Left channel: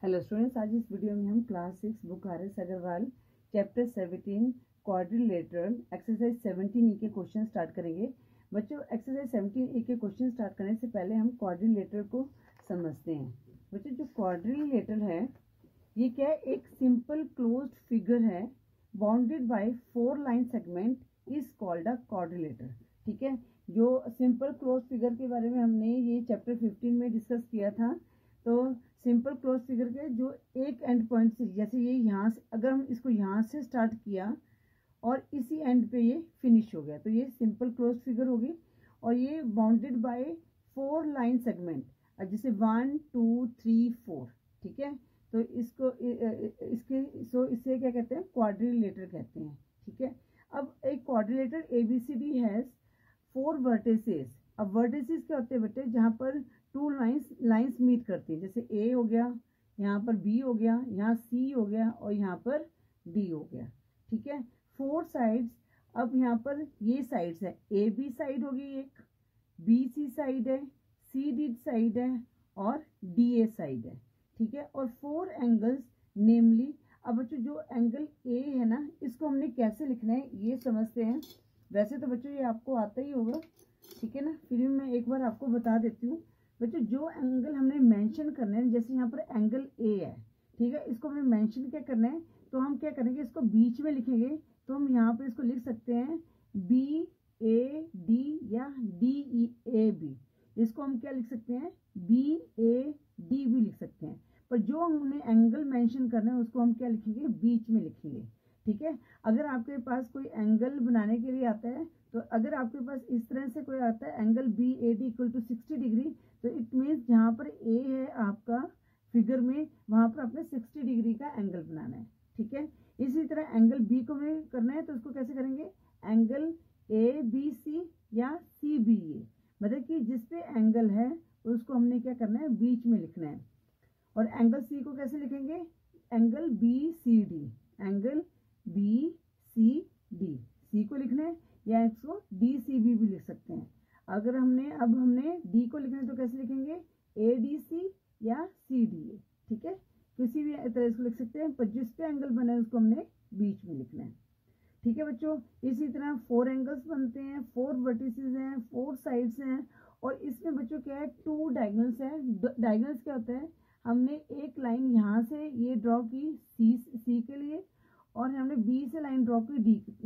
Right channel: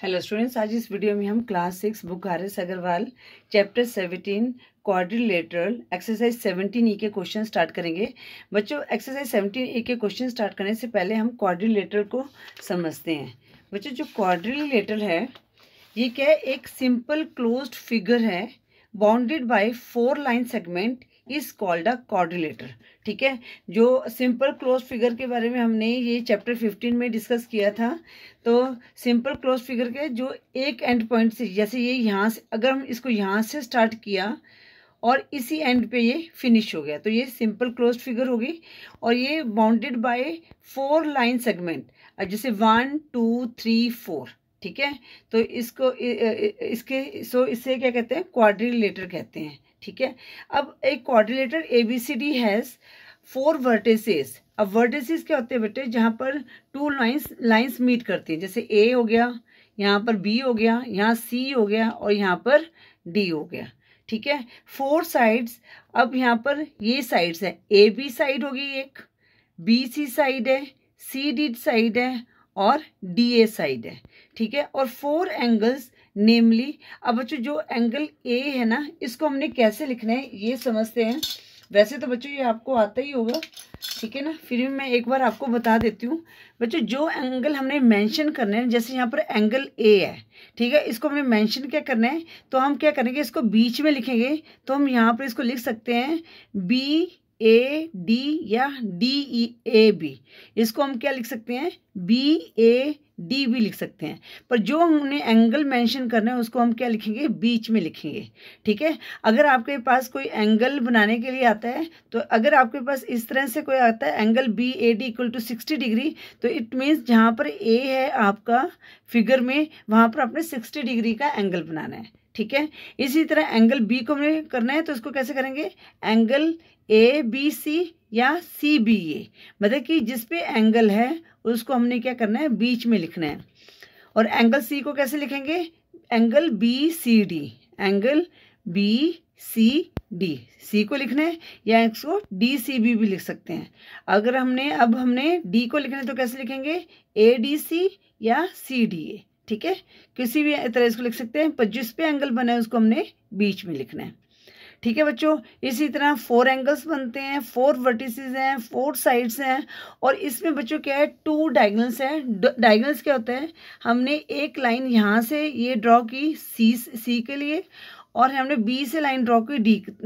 Hello students, आज इस video में हम class 6 book R S. Agarwal chapter 17 quadrilateral exercise 17 के क्वेश्चन स्टार्ट करेंगे। बच्चों, एक्सरसाइज 17 के क्वेश्चन स्टार्ट करने से पहले हम क्वाड्रिलेटरल को समझते हैं। बच्चों, जो क्वाड्रिलेटरल है ये क्या है? एक सिंपल क्लोज्ड फिगर है bounded by 4 line segment is called a quadrilateral. ठीक है, जो सिंपल क्लोज फिगर के बारे में हमने ये चैप्टर 15 में डिस्कस किया था। तो सिंपल क्लोज फिगर के जो एक एंड पॉइंट से, जैसे ये यहाँ से, अगर हम इसको यहाँ से स्टार्ट किया और इसी एंड पे ये फिनिश हो गया, तो ये सिंपल क्लोज फिगर होगी। और ये बाउंडेड बाय 4 लाइन सेगमेंट, जैसे 1 2 3 4। ठीक है, तो इसको इससे क्या कहते हैं? क्वाड्रिलेटर कहते हैं। ठीक है, अब एक क्वाड्रिलेटर ABCD हैज 4 वर्टिसेस। अब वर्टिसेस क्या होते हैं बेटे? जहाँ पर 2 लाइंस मीट करती हैं, जैसे A हो गया, यहाँ पर B हो गया, यहाँ C हो गया और यहाँ पर D हो गया। ठीक है, 4 साइड्स। अब यहाँ पर ये साइड्स है, AB साइड होगी एक, BC साइड है, CD साइड है और DA साइड है। ठीक है, और 4 एंगल्स नेमली। अब बच्चों, जो एंगल A है ना, इसको हमने कैसे लिखना है ये समझते हैं। वैसे तो बच्चों ये आपको आता ही होगा, ठीक है ना, फिर भी मैं एक बार आपको बता देती हूँ। बच्चों, जो एंगल हमने मेंशन करने हैं, जैसे यहाँ पर एंगल A है, ठीक है, इसको हमने मेंशन क्या करना है, तो हम क्या करेंगे, इसको बीच में लिखेंगे। तो हम यहाँ पर इसको लिख सकते हैं BAD या DEAB। इसको हम क्या लिख सकते हैं? BAD भी लिख सकते हैं। पर जो हमने एंगल मेंशन करना है उसको हम क्या लिखेंगे? बीच में लिखेंगे। ठीक है, अगर आपके पास कोई एंगल बनाने के लिए आता है, तो अगर आपके पास इस तरह से कोई आता है angle BAD equal to 60 degree, तो इट मीन्स जहाँ पर A है आपका फिगर में, वहाँ पर आपने 60 डिग्री का एंगल बनाना है। ठीक है, इसी तरह एंगल B को हमें करना है, तो इसको कैसे करेंगे? एंगल ABC या CBA, मतलब कि जिस पे एंगल है उसको हमने क्या करना है? बीच में लिखना है। और एंगल C को कैसे लिखेंगे? Angle BCD, angle BCD, C को लिखना है, या इसको DCB भी लिख सकते हैं। अगर हमने D को लिखना है तो कैसे लिखेंगे? ADC या CDA। ठीक है, किसी भी तरह इसको लिख सकते हैं, पर जिस पे एंगल बना है उसको हमने बीच में लिखना है। ठीक है बच्चों, इसी तरह 4 एंगल्स बनते हैं, 4 वर्टिसेस हैं, 4 साइड्स हैं। और इसमें बच्चों क्या है? 2 डायगोनल्स हैं। डायगोनल्स क्या होता है? हमने एक लाइन यहाँ से ये ड्रॉ की सी के लिए, और हमने B से लाइन ड्रॉ की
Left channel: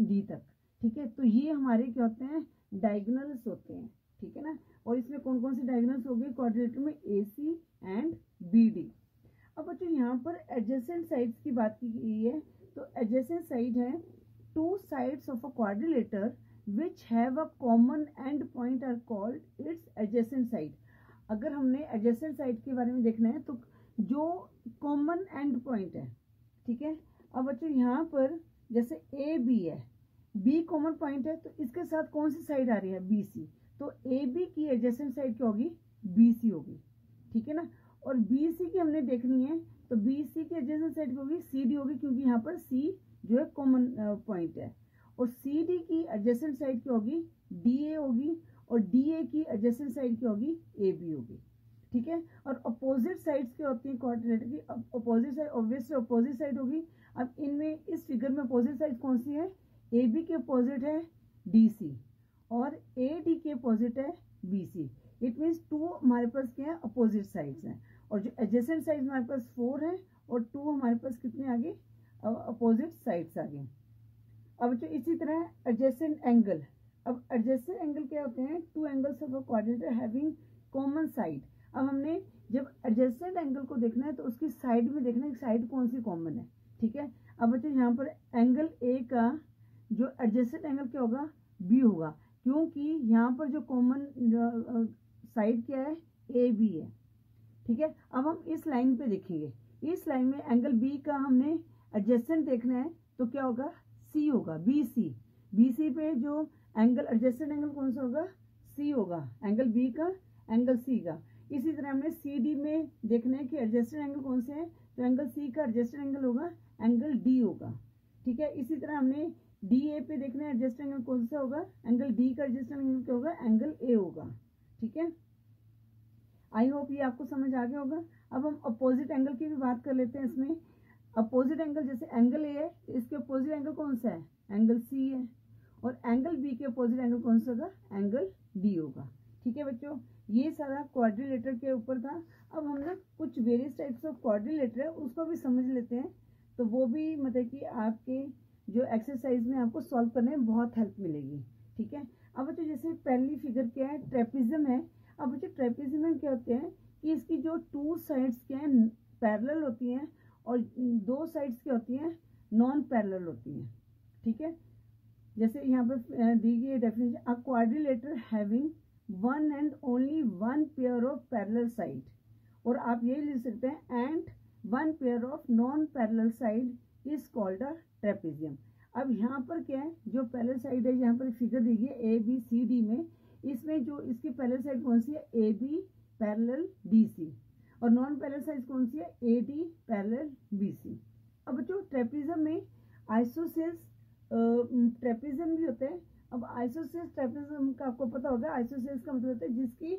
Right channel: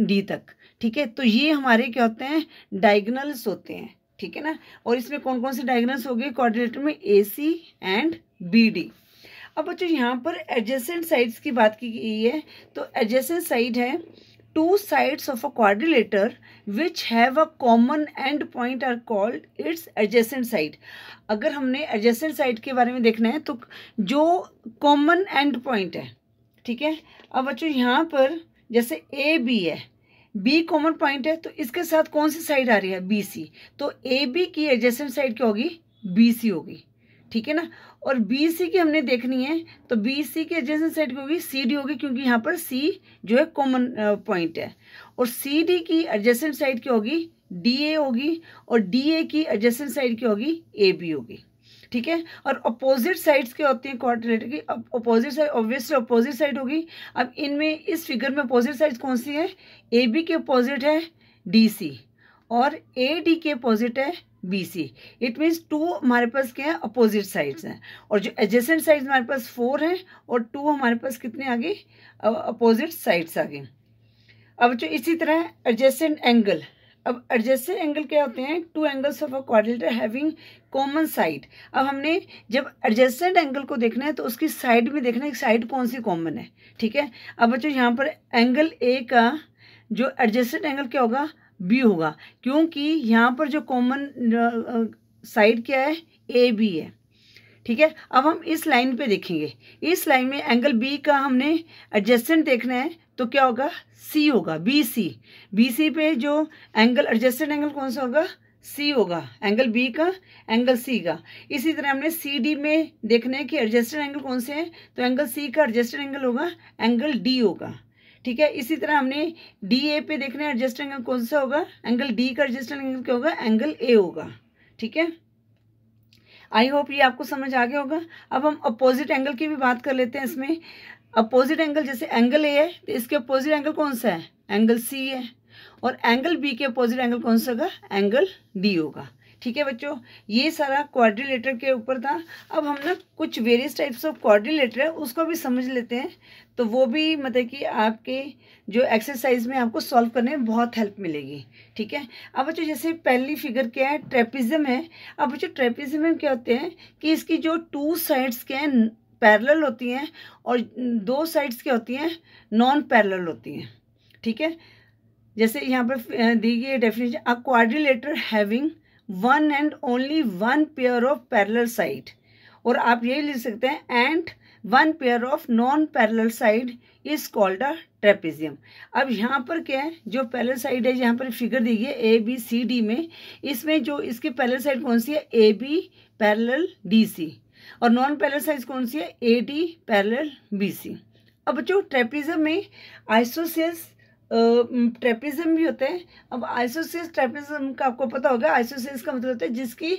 D तक। ठीक है, तो ये हमारे क्या होते हैं? डायगोनल्स होते हैं। ठीक है ना, और इसमें कौन कौन से डायगोनल्स हो गए क्वाड्रिलेटर में? AC and BD। अब बच्चों, यहाँ पर एडजेसेंट साइड्स की बात की गई है। तो एडजेसेंट साइड है two sides of a quadrilateral which have a common end point are called its adjacent side। अगर हमने adjacent side के बारे में देखना है तो जो common end point है, ठीक है। अब बच्चों, यहाँ पर जैसे AB है, B common point है, तो इसके साथ कौन सी साइड आ रही है? BC। तो AB की adjacent side क्या होगी? BC होगी। ठीक है ना, और BC की हमने देखनी है, तो BC की एडजेसेंट साइड की होगी CD होगी, क्योंकि यहाँ पर C जो है कॉमन पॉइंट है। और CD की एडजेसेंट साइड की होगी? DA होगी, और DA की एडजेसेंट साइड की होगी? AB होगी। ठीक है, और अपोजिट साइड्स क्या होती हैं क्वाड्रिलेटर की? अब opposite side obviously opposite side होगी। अब इनमें इस फिगर में अपोजिट साइड कौन सी है? AB के अपोजिट है DC, और AD के अपोजिट है BC। इट मीन्स 2 हमारे पास क्या है? अपोजिट साइड्स हैं। और जो एडजेसेंट साइड्स हमारे पास 4 हैं, और 2 हमारे पास कितने आ गए? अपोजिट साइड्स आ गए। अब जो इसी तरह एडजेसेंट एंगल। अब एडजेसेंट एंगल क्या होते हैं? 2 angles of a quadrilateral having common side. अब हमने जब एडजेसेंट एंगल को देखना है तो उसकी साइड में देखना है कि साइड कौन सी कॉमन है। ठीक है, अब बच्चों, यहाँ पर एंगल A का जो एडजेसेंट एंगल क्या होगा? B होगा, क्योंकि यहाँ पर जो कॉमन साइड क्या है? AB है। ठीक है, अब हम इस लाइन पे देखेंगे। इस लाइन में एंगल B का हमने एडजेसेंट देखना है, तो क्या होगा? C होगा, BC। BC पे जो एंगल एडजेसेंट एंगल कौन सा होगा? C होगा, एंगल B का, एंगल C का। इसी तरह हमने CD में देखना है कि एडजेसेंट एंगल कौन से हैं, तो एंगल C का एडजेसेंट एंगल होगा एंगल D होगा। ठीक है, इसी तरह हमने DA पे देखना है एडजेसेंट एंगल कौन सा होगा? एंगल D का एडजेसेंट एंगल क्या होगा? एंगल A होगा। ठीक है, आई होप ये आपको समझ आ गया होगा। अब हम अपोजिट एंगल की भी बात कर लेते हैं। इसमें अपोजिट एंगल, जैसे एंगल ए है तो इसके अपोजिट एंगल कौन सा है, एंगल सी है, और एंगल बी के अपोजिट एंगल कौन सा होगा, एंगल डी होगा। ठीक है बच्चों, ये सारा क्वाड्रिलेटर के ऊपर था। अब हम ना कुछ वेरियस टाइप्स ऑफ क्वाड्रिलेटर है उसको भी समझ लेते हैं, तो वो भी मतलब कि आपके जो एक्सरसाइज में आपको सॉल्व करने में बहुत हेल्प मिलेगी। ठीक है, अब बच्चों जैसे पहली फिगर क्या है, ट्रेपिज्म है। अब बच्चों ट्रेपिज्म में क्या होते हैं कि इसकी जो टू साइड्स क्या हैं पैरेलल होती हैं, और दो साइड्स क्या होती हैं, नॉन पैरेलल होती हैं। ठीक है, जैसे यहाँ पर दी गई definition, a quadrilateral having one and only one pair of parallel side, और आप यही लिख सकते हैं and one pair of non parallel side is called a trapezium. अब यहाँ पर क्या है, जो पैरेलल साइड है, यहाँ पर फिगर दी गई है ए बी सी डी में, इसमें जो इसकी पैरेलल साइड कौन सी है, A B parallel D C, और नॉन पैरेलल साइड कौन सी है, A D parallel B C. अब जो ट्रेपेजियम में आइसोसेल्स ट्रेपेजियम भी होते हैं। अब आइसोसेल्स ट्रेपेजियम का आपको पता होगा, आइसोसेल्स का मतलब होता है जिसकी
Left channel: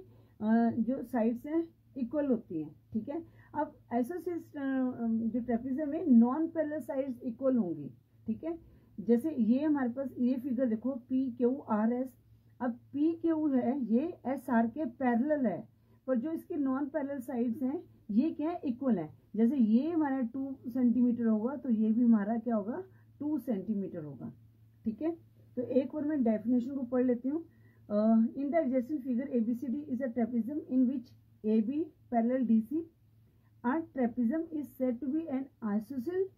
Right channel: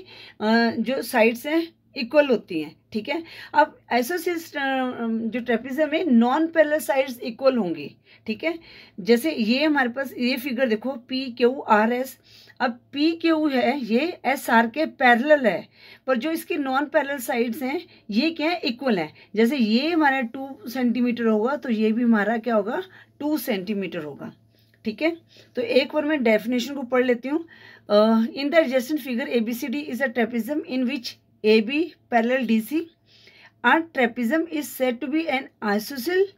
जो साइड्स हैं इक्वल होती हैं। ठीक है, अब आइसोसेल्स जो ट्रेपेजियम में नॉन पैरेलल साइड्स इक्वल होंगी। ठीक है, जैसे ये हमारे पास ये फिगर देखो पी क्यू आर एस। अब पी क्यू है ये एस आर के पैरेलल है, पर जो इसकी नॉन पैरेलल साइड्स हैं ये क्या है, इक्वल है। जैसे ये हमारा 2 सेंटीमीटर होगा तो ये भी हमारा क्या होगा, 2 सेंटीमीटर होगा। ठीक है, तो एक बार मैं डेफिनेशन को पढ़ लेती हूँ। In the adjacent figure ABCD is a trapezium in which AB parallel DC। A trapezium is said to be an isosceles,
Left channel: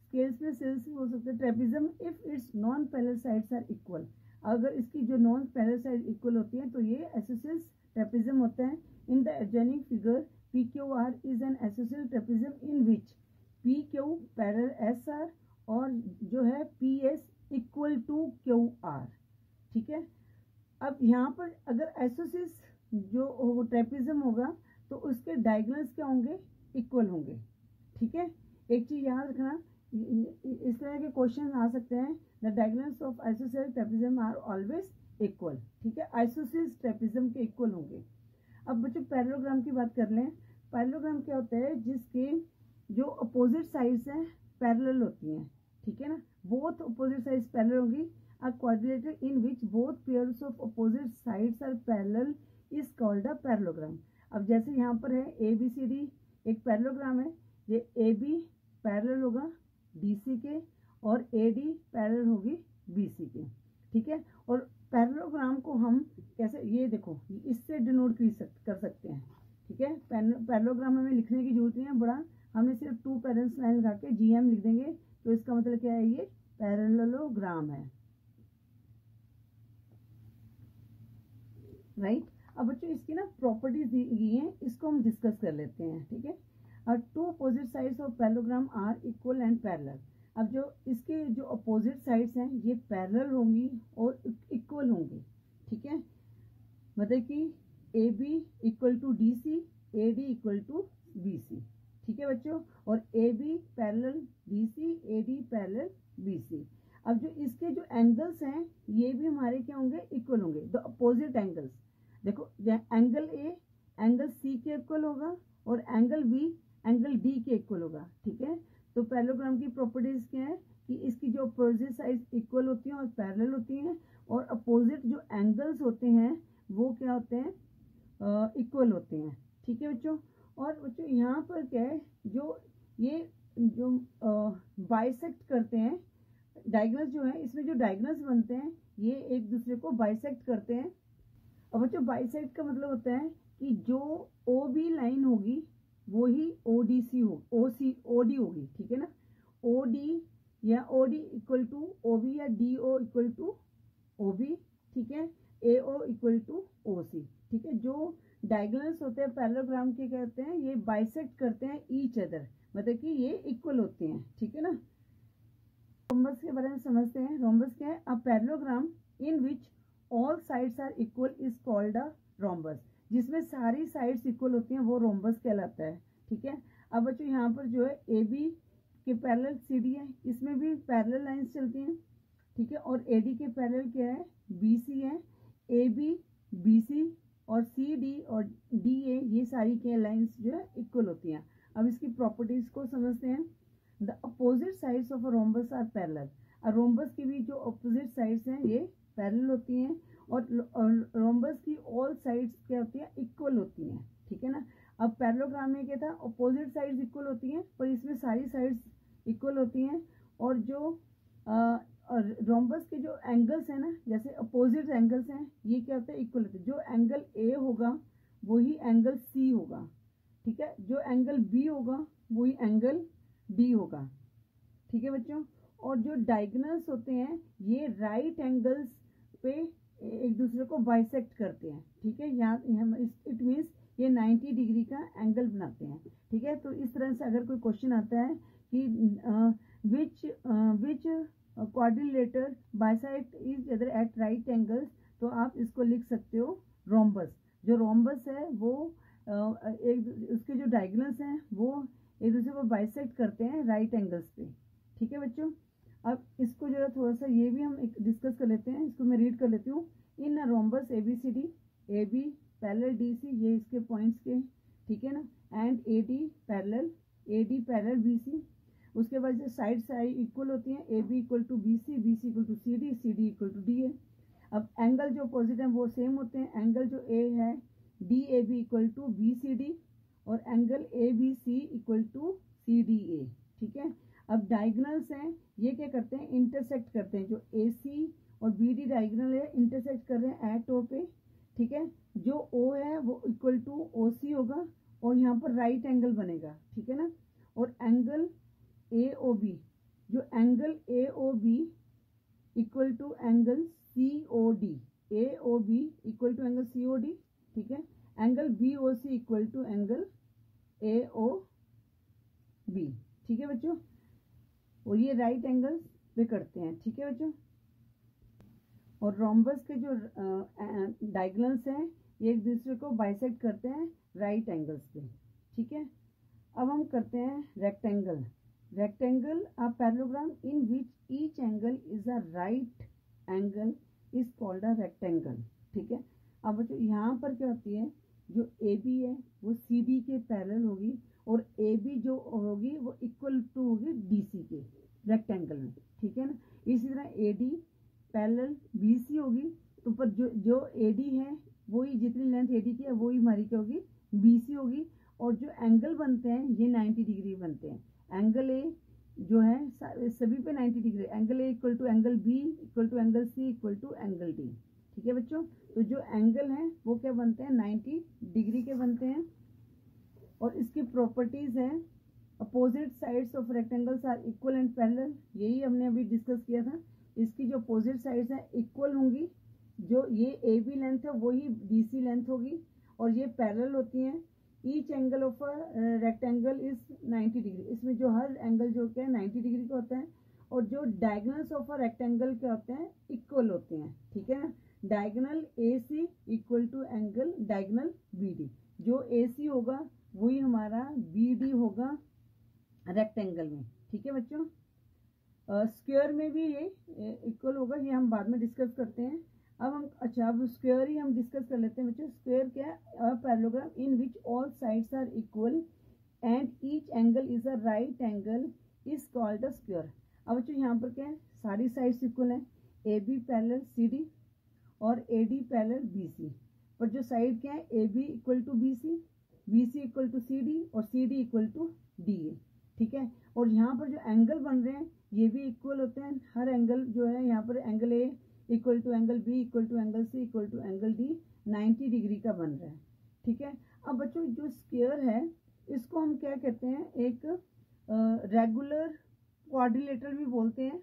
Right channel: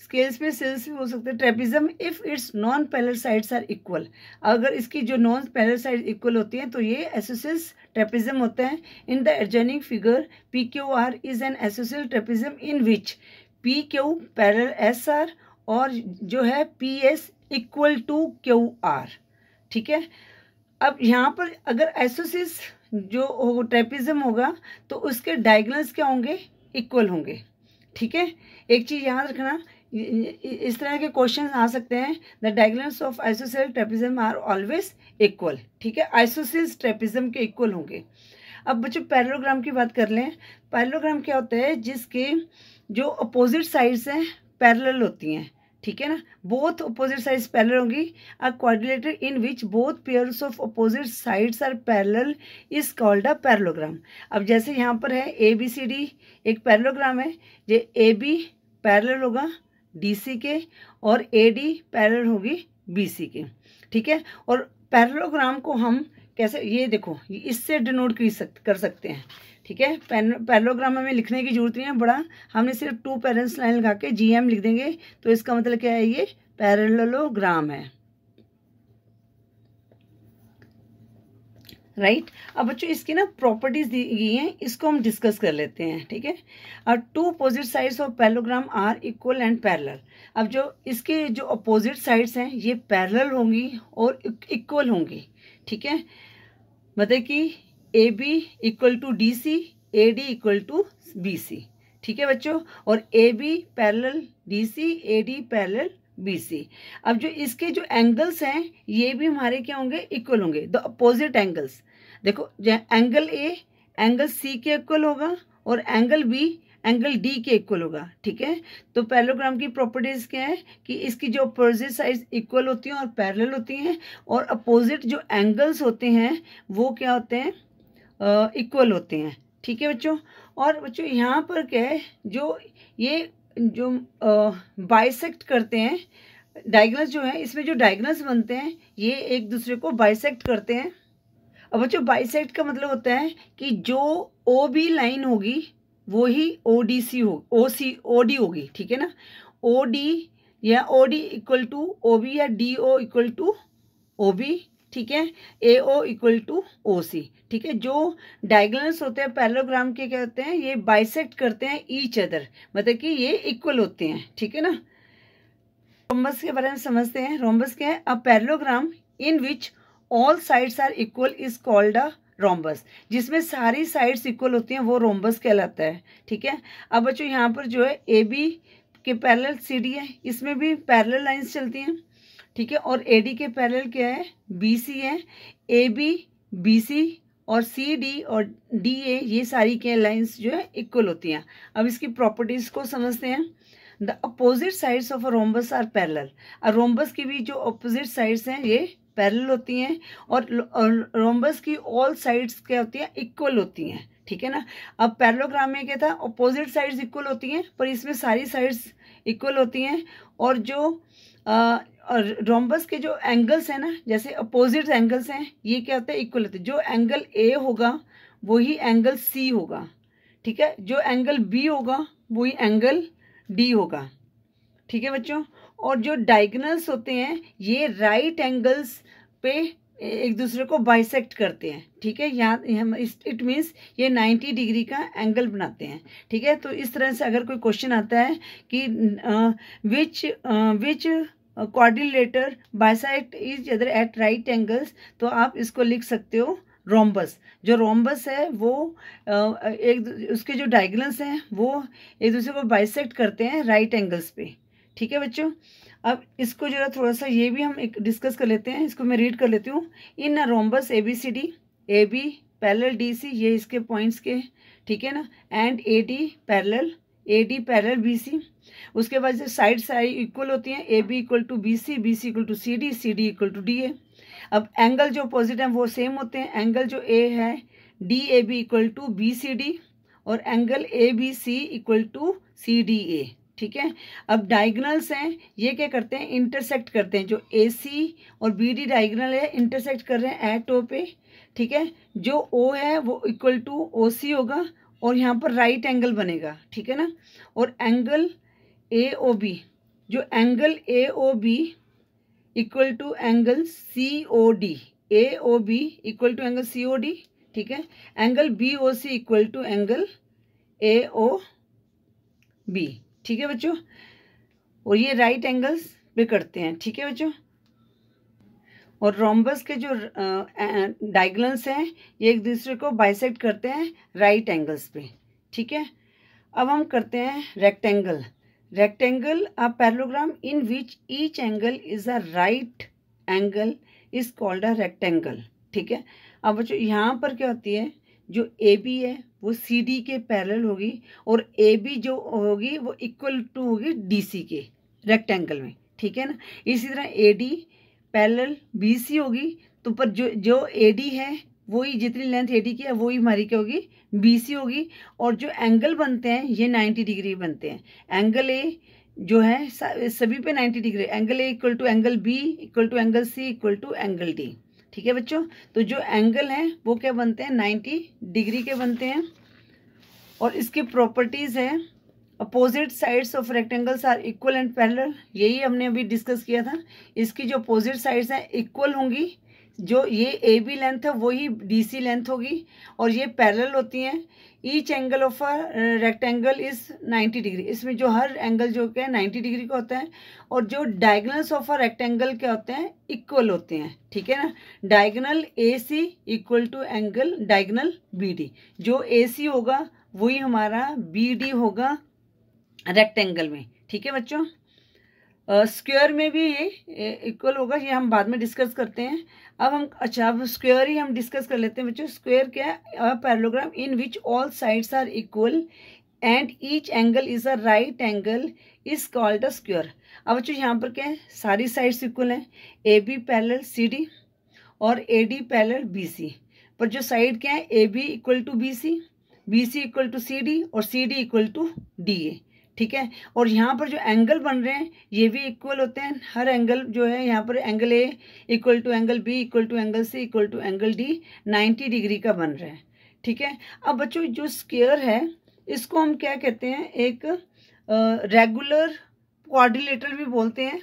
स्केल्स में सेल्स भी हो सकते हैं, trapezium if its non parallel sides are equal. अगर इसकी जो नॉन पैरेलल साइड इक्वल होती हैं तो ये आइसोसेल्स ट्रेपेजियम होता है। In the adjoining figure PQR is an ISOCELL trapezium in which PQ parallel SR और जो है PS इक्वल टू QR। ठीक है, अब यहाँ पर अगर आइसोसेल्स जो ट्रेपेजियम होगा तो उसके डायगोनल्स क्या होंगे, इक्वल होंगे। ठीक है, एक चीज़ याद रखना, इस तरह के क्वेश्चन आ सकते हैं, the diagonals of isosceles trapezium are always equal. ठीक है, आइसोसेल्स ट्रेपेजियम के इक्वल होंगे। अब बच्चों पैरेललोग्राम की बात कर लें। पैरेललोग्राम क्या होता है, जिसके जो अपोजिट साइड्स हैं पैरेलल होती हैं। ठीक है ना, बोथ अपोजिट साइड्स पैरेलल होंगी। A quadrilateral in which both pairs of opposite sides are parallel is called a parallelogram. अब जैसे यहाँ पर है ABCD एक पैरेललोग्राम है, ये AB पैरेलल होगा DC के और AD पैरेलल होगी BC के। ठीक है, और पैरेललोग्राम को हम कैसे, ये देखो इससे डिनोट कर सकते हैं। ठीक है, पैरेललोग्राम हमें लिखने की जरूरत नहीं है बड़ा, हमने सिर्फ 2 पैरेंट्स लाइन लगा के GM लिख देंगे तो इसका मतलब क्या है, ये पैरेललोग्राम है। राइट, अब बच्चों इसकी ना प्रॉपर्टीज दी गई हैं, इसको हम डिस्कस कर लेते हैं। ठीक है, और 2 opposite sides of parallelogram are equal and parallel. अब जो इसके जो अपोजिट साइड्स हैं ये पैरेलल होंगी और इक्वल होंगी। ठीक है, मतलब कि AB equal to DC, AD equal to BC। ठीक है बच्चों, और AB parallel DC, AD parallel BC। अब जो इसके जो एंगल्स हैं ये भी हमारे क्या होंगे, इक्वल होंगे, द अपोजिट एंगल्स। देखो एंगल A एंगल C के इक्वल होगा और एंगल B एंगल D के इक्वल होगा। ठीक है, तो पैरेललोग्राम की प्रॉपर्टीज क्या है कि इसकी जो अपोजिट साइड्स इक्वल होती हैं और पैरेलल होती हैं, और अपोजिट जो एंगल्स होते हैं वो क्या होते हैं, इक्वल होते हैं। ठीक है बच्चों, और बच्चों यहाँ पर क्या है, जो ये जो बाइसेक्ट करते हैं डायगोनल्स जो है, इसमें जो डायगोनल्स बनते हैं ये एक दूसरे को बाइसेक्ट करते हैं। अब बच्चों बाइसेक्ट का मतलब होता है कि जो OB लाइन होगी वो ही ODC हो OD होगी। ठीक है ना, OD या OD इक्वल टू OB या DO इक्वल टू OB। ठीक है, AO इक्वल टू OC। ठीक है, जो डायगोनल्स होते हैं पैरेललोग्राम के क्या होते हैं, ये बाइसेक्ट करते हैं ईच अदर, मतलब कि ये इक्वल होते हैं। ठीक है ना, रोम्बस के बारे में समझते हैं। रोम्बस क्या है, a parallelogram in which all sides are equal is called a rhombus. जिसमें सारी साइड्स इक्वल होती हैं वो रोम्बस कहलाता है। ठीक है, अब बच्चों यहाँ पर जो है AB के पैरेलल CD है, इसमें भी पैरेलल लाइंस चलती हैं। ठीक है, और AD के पैरेलल क्या है, BC है। AB BC और सी डी और डी ए ये सारी के लाइंस जो है इक्वल होती हैं। अब इसकी प्रॉपर्टीज को समझते हैं। The opposite sides of a rhombus are parallel. Rhombus की भी जो अपोजिट साइड्स हैं ये पैरेलल होती हैं, और रोम्बस की ऑल साइड्स क्या होती हैं, इक्वल होती हैं, ठीक है ना। अब पैरेललोग्राम में क्या था, अपोजिट साइड्स इक्वल होती हैं, पर इसमें सारी साइड्स इक्वल होती हैं। और जो रोम्बस के जो एंगल्स हैं ना, जैसे अपोजिट एंगल्स हैं, ये क्या होता है, इक्वल होते हैं। जो एंगल ए होगा वही एंगल सी होगा, ठीक है। जो एंगल बी होगा वही एंगल डी होगा, ठीक है बच्चों। और जो डायगोनल्स होते हैं ये राइट एंगल्स पे एक दूसरे को बाइसेक्ट करते हैं, ठीक है। यहाँ इट मीन्स ये 90 डिग्री का एंगल बनाते हैं, ठीक है। तो इस तरह से अगर कोई क्वेश्चन आता है कि which quadrilateral bisect each other at right angles, तो आप इसको लिख सकते हो रोम्बस। जो रोम्बस है वो उसके जो डायगोनल्स हैं वो एक दूसरे को बाइसेक्ट करते हैं राइट एंगल्स पे, ठीक है बच्चों। अब इसको जो है थोड़ा सा ये भी हम एक डिस्कस कर लेते हैं, इसको मैं रीड कर लेती हूँ। In a rhombus A B C D, A B parallel D C, ये इसके पॉइंट्स के, ठीक है ना, and A D parallel B C. उसके बाद से साइड साइड इक्वल होती हैं, A B equal to B C equal to C D equal to D A. अब एंगल जो अपोजिट हैं वो सेम होते हैं। एंगल जो ए है D A B equal to B C D, और angle A B C equal to C D A, ठीक है। अब डायगोनल्स हैं ये क्या करते हैं, इंटरसेक्ट करते हैं। जो ए सी और बी डी डायगोनल है इंटरसेक्ट कर रहे हैं एट ओ पे, ठीक है। जो ओ है वो इक्वल टू ओ सी होगा, और यहाँ पर राइट एंगल बनेगा, ठीक है ना। और एंगल ए ओ बी, जो angle A O B equal to angle C O D, A O B equal to angle C O D, ठीक है। Angle B O C equal to angle A O B, ठीक है बच्चों। और ये right angles पे करते हैं, ठीक है बच्चों। और रोम्बस के जो डायगोनल्स हैं ये एक दूसरे को बाइसेक्ट करते हैं राइट एंगल्स पे, ठीक है। अब हम करते हैं rectangle. Rectangle a parallelogram in which each angle is a right angle is called a rectangle, ठीक है। अब बच्चों यहाँ पर क्या होती है, जो ए बी है वो सी डी के पैरेलल होगी, और ए बी जो होगी वो इक्वल टू होगी डी सी के रेक्टेंगल में, ठीक है ना। इसी तरह A D parallel B C होगी, तो पर जो ए डी है वही जितनी लेंथ ए डी की है वही हमारी क्या होगी, बी सी होगी। और जो एंगल बनते हैं ये 90 डिग्री बनते हैं। एंगल ए जो है सभी पे 90 degree, angle A equal to angle B equal to angle C equal to angle D, ठीक है बच्चों। तो जो एंगल हैं वो क्या बनते हैं, 90 डिग्री के बनते हैं। और इसकी प्रॉपर्टीज़ हैं, opposite sides of rectangles are equal and parallel, यही हमने अभी डिस्कस किया था। इसकी जो अपोजिट साइड्स हैं इक्वल होंगी, जो ये ए बी लेंथ है वही डी सी लेंथ होगी, और ये पैरेलल होती हैं। Each angle of a rectangle is 90 degree, इसमें जो हर एंगल जो क्या है 90 डिग्री का होता है। और जो डायगोनल्स ऑफ अ रेक्टेंगल क्या होते हैं, इक्वल होते हैं, ठीक है ना। Diagonal A C equal to angle diagonal B D, जो ए सी होगा वही हमारा बी डी होगा रेक्टेंगल में, ठीक है बच्चों। स्क्वायर में भी ये इक्वल होगा, ये हम बाद में डिस्कस करते हैं। अब अब स्क्वायर ही हम डिस्कस कर लेते हैं बच्चों। स्क्वायर क्या है, a parallelogram in which all sides are equal and each angle is a right angle is called a square. अब बच्चों यहाँ पर क्या है, सारी साइड्स इक्वल हैं, A B parallel C D और A D parallel B C. पर जो साइड क्या है, A B equal to B C equal to C D और C D equal to D A, ठीक है। और यहाँ पर जो एंगल बन रहे हैं ये भी इक्वल होते हैं। हर एंगल जो है यहाँ पर angle A equal to angle B equal to angle C equal to angle D 90 degree का बन रहा है, ठीक है। अब बच्चों जो स्क्वायर है इसको हम क्या कहते हैं, एक रेगुलर क्वाड्रिलेटरल भी बोलते हैं,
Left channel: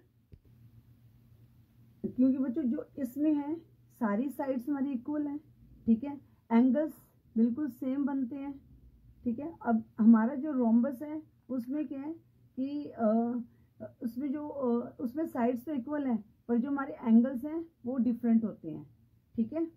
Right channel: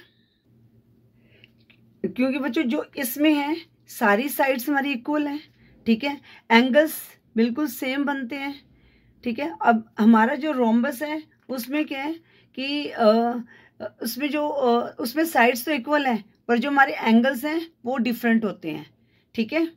क्योंकि बच्चों जो इसमें है सारी साइड्स हमारी इक्वल हैं, ठीक है। एंगल्स बिल्कुल सेम बनते हैं, ठीक है। अब हमारा जो रोम्बस है उसमें क्या है कि उसमें साइड्स तो इक्वल हैं, पर जो हमारे एंगल्स हैं वो डिफरेंट होते हैं, ठीक है।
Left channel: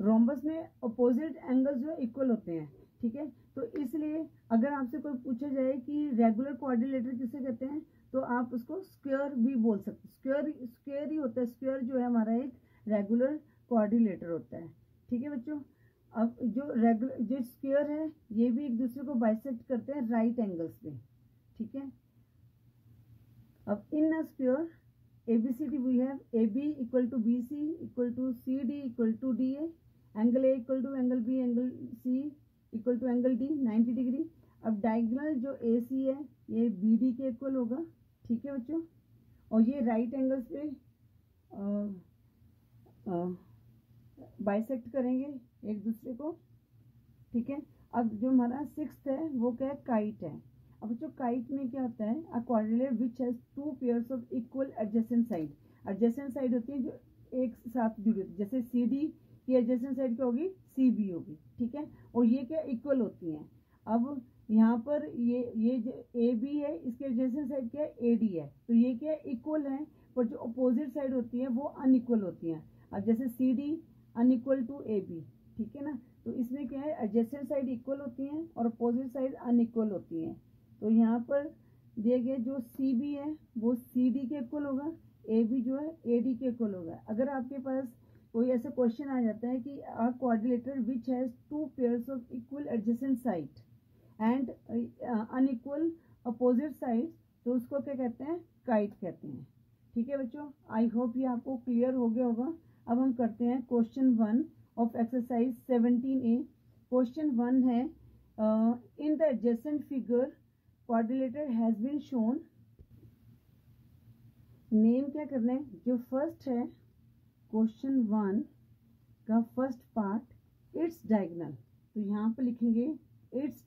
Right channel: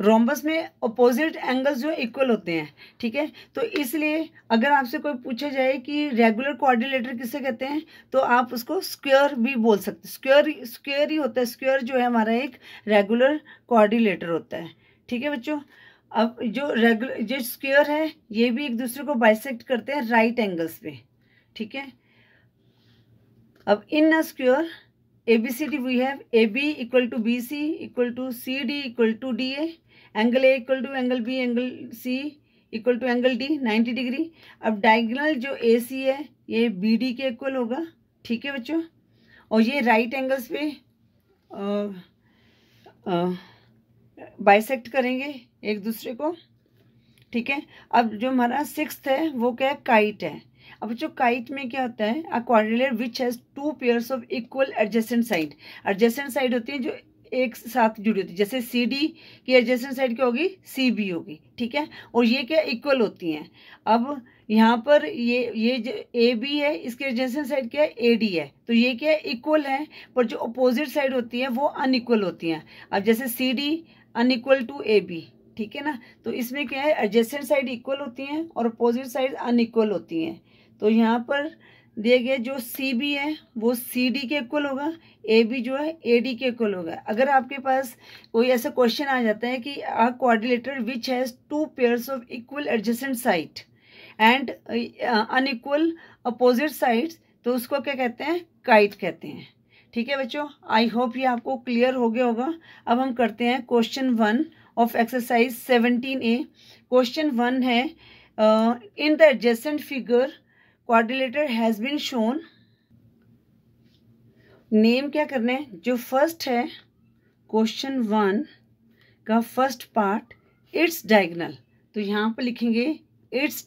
रोम्बस में अपोजिट एंगल्स जो इक्वल होते हैं, ठीक है। तो इसलिए अगर आपसे कोई पूछा जाए कि रेगुलर क्वाड्रिलेटर किसे कहते हैं, तो आप उसको स्क्वायर भी बोल सकते हैं। स्क्वायर ही होता है, स्क्वायर जो है हमारा एक रेगुलर क्वाड्रिलेटर होता है, ठीक है बच्चों। अब जो स्क्वायर है ये भी एक दूसरे को बाइसेक्ट करते हैं राइट एंगल्स पे, ठीक है। अब in a square ABCD we have AB equal to BC equal to CD equal to DA, angle A equal to angle B angle C equal to angle D 90 degree. अब diagonal जो AC है ये BD के equal होगा, ठीक है बच्चों। और ये राइट एंगल्स पे बाइसेक्ट करेंगे एक दूसरे को, ठीक है। अब जो हमारा सिक्स्थ है वो क्या है, काइट है। अब जो काइट में क्या होता है, अ quadrilateral which has two pairs of equal adjacent side. Adjacent side होती है जो एक साथ जुड़ी होती है, जैसे CD की एडजेसेंट साइड क्या होगी, CB होगी, ठीक है। और ये क्या इक्वल होती हैं। अब यहाँ पर ये जो AB है इसके एडजेसेंट साइड क्या है, AD है, तो ये क्या है इक्वल है, पर जो अपोजिट साइड होती है वो अनइक्वल होती हैं। अब जैसे CD अनइक्वल टू AB, ठीक है ना। तो इसमें क्या है, एडजेसेंट साइड इक्वल होती हैं और अपोजिट साइड अनइक्वल होती हैं। तो यहाँ पर दिए गए जो CB है वो CD के इक्वल होगा, AB जो है AD के इक्वल होगा। अगर आपके पास कोई ऐसा क्वेश्चन आ जाता है कि अ quadrilateral which has two pairs of equal adjacent side and unequal opposite sides, तो उसको क्या कहते हैं, काइट कहते हैं, ठीक है बच्चों। आई होप ये आपको क्लियर हो गया होगा। अब हम करते हैं question 1 of exercise 17A। Question 1 है in the adjacent figure quadrilateral has been shown. Name क्या करना है, जो फर्स्ट है क्वेश्चन 1 का फर्स्ट पार्ट इट्स डायगोनल, तो यहाँ पर लिखेंगे इट्स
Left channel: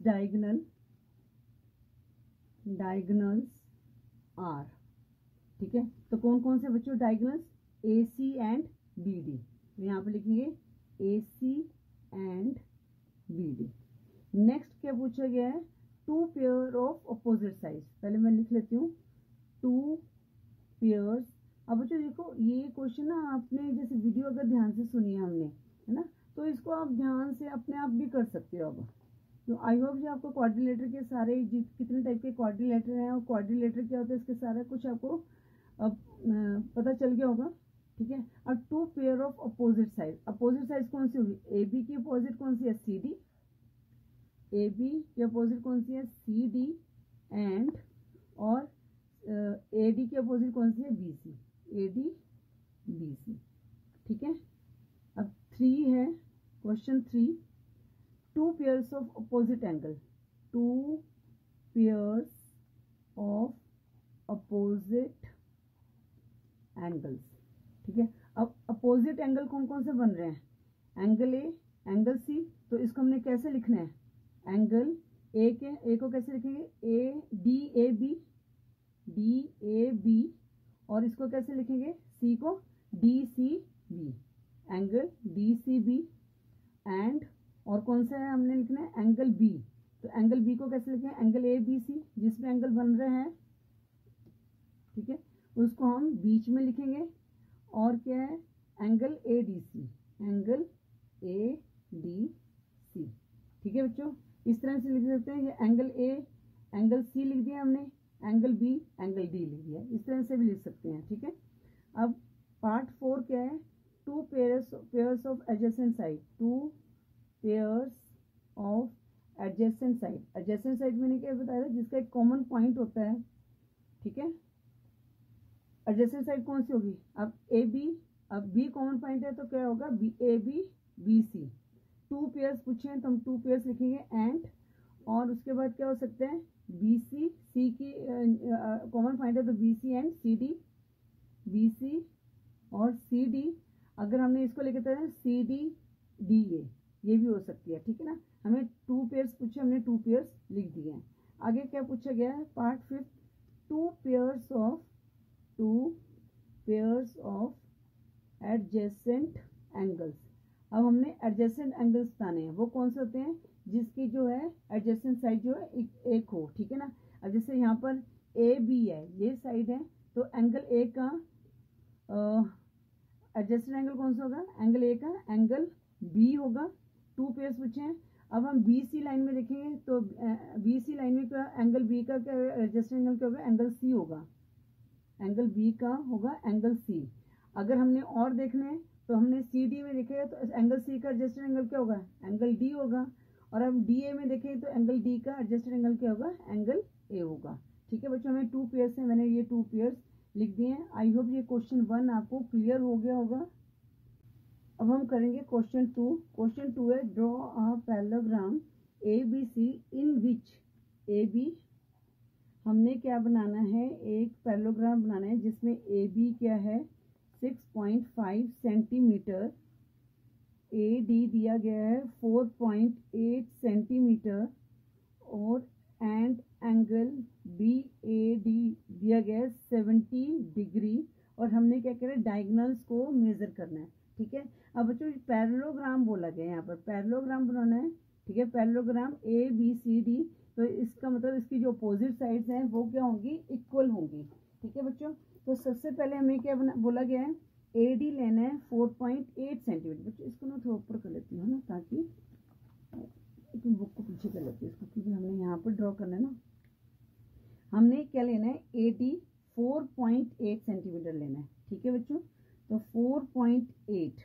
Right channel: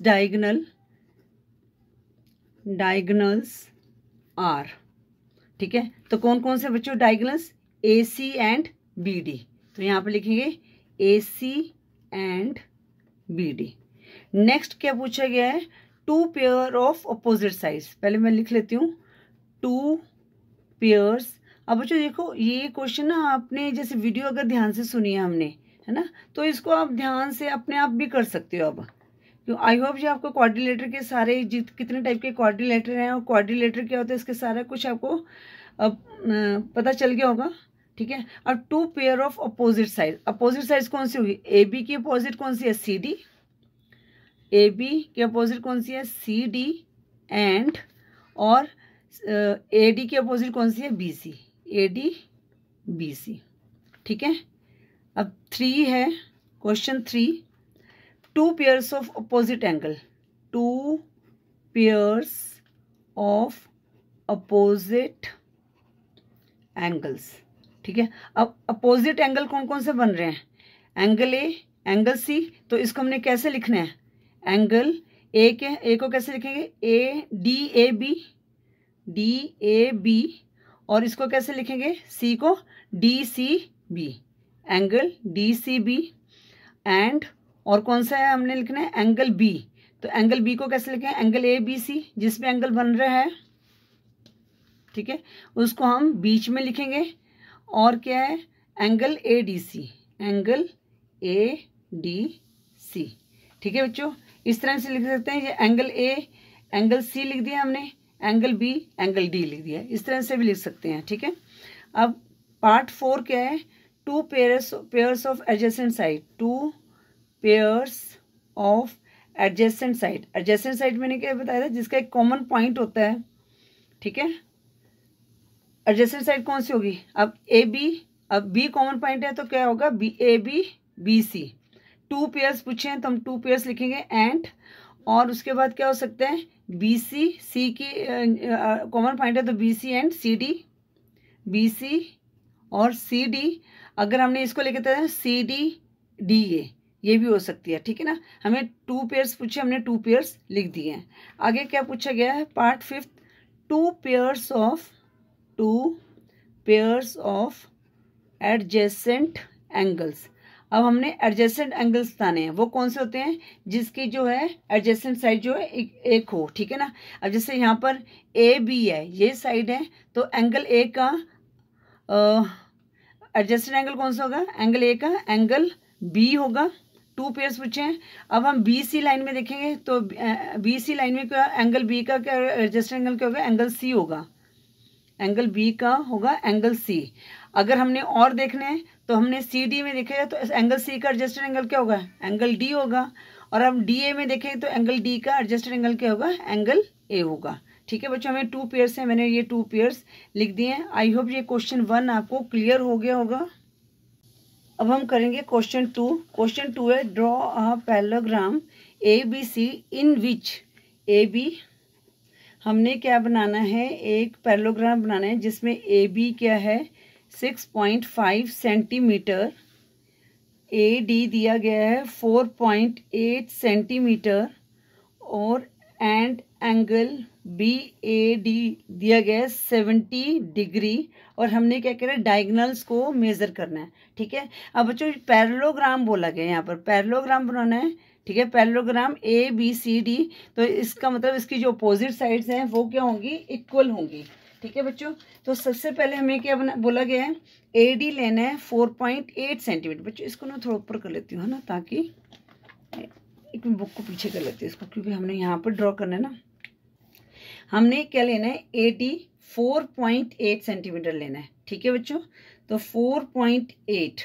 डायगोनल्स आर, ठीक है। तो कौन कौन से बच्चों डायगोनल्स, AC एंड BD, तो यहाँ पे लिखेंगे AC एंड BD। नेक्स्ट क्या पूछा गया है, two pair of opposite sides, पहले मैं लिख लेती हूँ टू पेयर्स। अब बच्चों देखो ये क्वेश्चन ना आपने जैसे वीडियो अगर ध्यान से सुनी है हमने, है ना, तो इसको आप ध्यान से अपने आप भी कर सकते हो। अब क्यों, आई होप जी आपको क्वाड्रिलेटर के सारे कितने टाइप के क्वाड्रिलेटर हैं और क्वाड्रिलेटर क्या होता है इसके सारा कुछ आपको अब पता चल गया होगा, ठीक है। अब two pair of opposite side, opposite side कौन सी होगी, AB की अपोजिट कौन सी है, CD, AB की अपोजिट कौन सी है, CD, एंड और AD की अपोजिट कौन सी है, BC, AD BC, ठीक है। अब 3 है question 3, two pairs of opposite angle, two pairs of opposite angles, ठीक है। अब अपोजिट एंगल कौन कौन से बन रहे हैं, एंगल A, एंगल C, तो इसको हमने कैसे लिखना है, एंगल A को कैसे लिखेंगे, DAB, और इसको कैसे लिखेंगे, C को DCB, एंगल DCB, एंड और कौन सा है हमने लिखना है, एंगल B, तो एंगल B को कैसे लिखें, एंगल ABC, जिसमें एंगल बन रहा है, ठीक है, उसको हम बीच में लिखेंगे। और क्या है, एंगल ADC, एंगल ADC, ठीक है बच्चों। इस तरह से लिख सकते हैं, ये एंगल A, एंगल C लिख दिया हमने, एंगल B, एंगल D लिख दिया, इस तरह से भी लिख सकते हैं, ठीक है। अब पार्ट 4 क्या है, two pairs of adjacent side, two pairs of adjacent side. Adjacent side मैंने क्या बताया था, जिसका एक कॉमन पॉइंट होता है, ठीक है। एडजेसेंट साइड कौन सी होगी, अब AB, अब B कॉमन पॉइंट है तो क्या होगा, AB BC। टू पेयर्स पूछे हैं तो हम टू पेयर्स लिखेंगे, एंड और उसके बाद क्या हो सकता है, BC, C की कॉमन पॉइंट है तो BC एंड CD, BC और CD। अगर हमने इसको लेके तो CD DA, ये भी हो सकती है, ठीक है ना। हमें टू पेयर्स पूछे, हमने टू पेयर्स लिख दिए हैं। आगे क्या पूछा गया है, part 5, two pairs of adjacent angles. अब हमने एडजेसेंट एंगल्स बताने हैं, वो कौन से होते हैं, जिसकी जो है एडजेसेंट साइड जो है एक हो, ठीक है ना। अब जैसे यहाँ पर AB है, ये साइड है, तो एंगल A का एडजेसेंट एंगल कौन सा होगा, एंगल A का एंगल B होगा। टू पेयर्स पूछे हैं। अब हम BC लाइन में देखेंगे तो BC लाइन में क्या, एंगल B का क्या एडजेसेंट एंगल क्या होगा, एंगल C होगा, एंगल B का होगा एंगल C। अगर हमने और देखने हैं तो हमने सी डी में देखेगा तो एंगल सी का एडजस्टेड एंगल क्या होगा, एंगल डी होगा। और हम डी ए में देखेंगे तो एंगल डी का एडजस्टेड एंगल क्या होगा, एंगल ए होगा। ठीक है बच्चों, हमें 2 पेयर्स हैं, मैंने ये 2 पेयर्स लिख दिए हैं। आई होप ये क्वेश्चन 1 आपको क्लियर हो गया होगा। अब हम करेंगे क्वेश्चन 2। क्वेश्चन 2 है draw a parallelogram A B C in which A B, हमने क्या बनाना है, एक पैरेललोग्राम बनाना है जिसमें ए बी क्या है 6.5 सेंटीमीटर, ए डी दिया गया है 4.8 सेंटीमीटर और and angle B A D दिया गया है 70 डिग्री और हमने क्या करा है, डायगोनल्स को मेज़र करना है। ठीक है, अब बच्चों पैरेललोग्राम बोला गया है, यहाँ पर पैरेललोग्राम बनाना है। ठीक है, parallelogram A B C D, तो इसका मतलब इसकी जो अपोजिट साइड्स हैं वो क्या होंगी, इक्वल होंगी। ठीक है बच्चों, तो सबसे पहले हमें क्या बोला गया है, ए डी लेना है 4.8 सेंटीमीटर। बच्चों इसको ना थोड़ा ऊपर कर लेती हूँ, है ना, ताकि एक बुक को पीछे कर लेती हूँ इसको, क्योंकि हमने यहाँ पर ड्रॉ करना है ना। हमने क्या लेना है, ए डी 4.8 सेंटीमीटर लेना है। ठीक है बच्चों, तो 4.8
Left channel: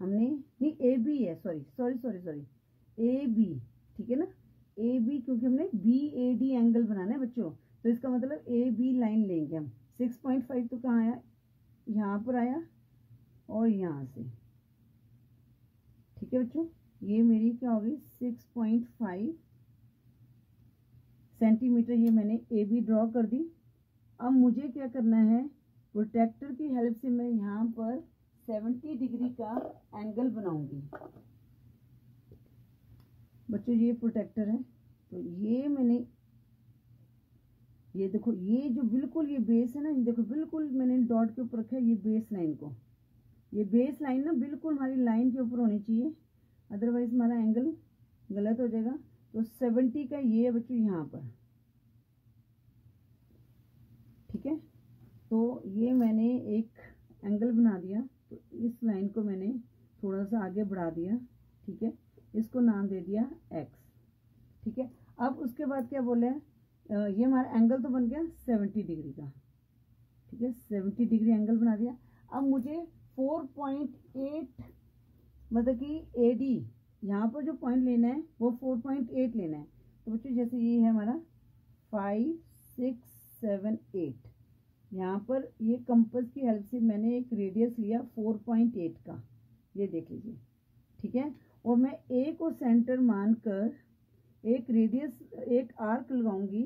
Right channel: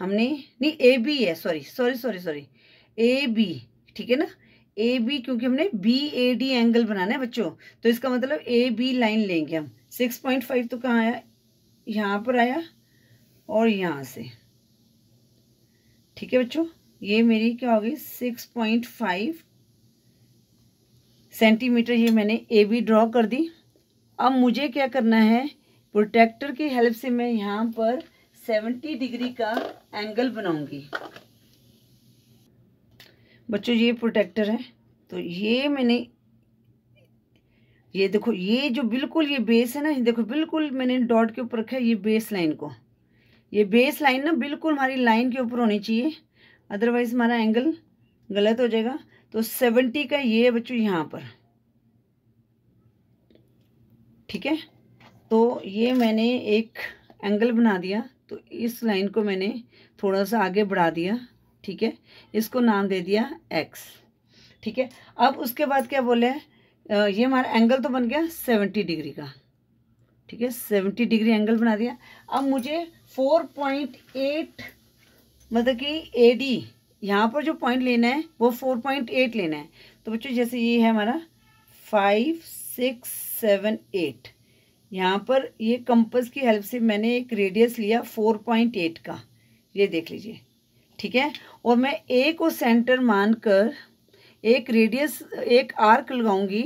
हमने, नहीं ए बी है, सॉरी ए बी, ठीक है ना, ए बी, क्योंकि हमने बी ए डी एंगल बनाना है बच्चों, तो इसका मतलब ए बी लाइन लेंगे हम। 6.5 तो कहाँ आया, यहाँ पर आया और यहाँ से। ठीक है बच्चों, ये मेरी क्या होगी 6.5 सेंटीमीटर, ये मैंने ए बी ड्रॉ कर दी। अब मुझे क्या करना है, प्रोटेक्टर की हेल्प से मैं यहाँ पर 70 डिग्री का एंगल बनाऊंगी। बच्चों ये प्रोटेक्टर है, तो ये मैंने, ये देखो, ये जो बिल्कुल ये बेस है ना, देखो बिल्कुल मैंने डॉट के ऊपर रखा है, ये बेस लाइन को, ये बेस लाइन ना बिल्कुल हमारी लाइन के ऊपर होनी चाहिए, अदरवाइज हमारा एंगल गलत हो जाएगा। तो 70 का ये बच्चों यहाँ पर। ठीक है, तो ये मैंने एक एंगल बना दिया, तो इस लाइन को मैंने थोड़ा सा आगे बढ़ा दिया। ठीक है, इसको नाम दे दिया x। ठीक है, अब उसके बाद क्या बोले, ये हमारा एंगल तो बन गया 70 डिग्री का। ठीक है, 70 डिग्री एंगल बना दिया। अब मुझे 4.8 मतलब कि ए डी, यहाँ पर जो पॉइंट लेना है वो 4.8 लेना है। तो बच्चों जैसे ये है हमारा 5 6 7 8, यहाँ पर ये कंपास की हेल्प से मैंने एक रेडियस लिया 4.8 का, ये देख लीजिए। ठीक है, और मैं ए को सेंटर मानकर एक रेडियस, एक आर्क लगाऊंगी।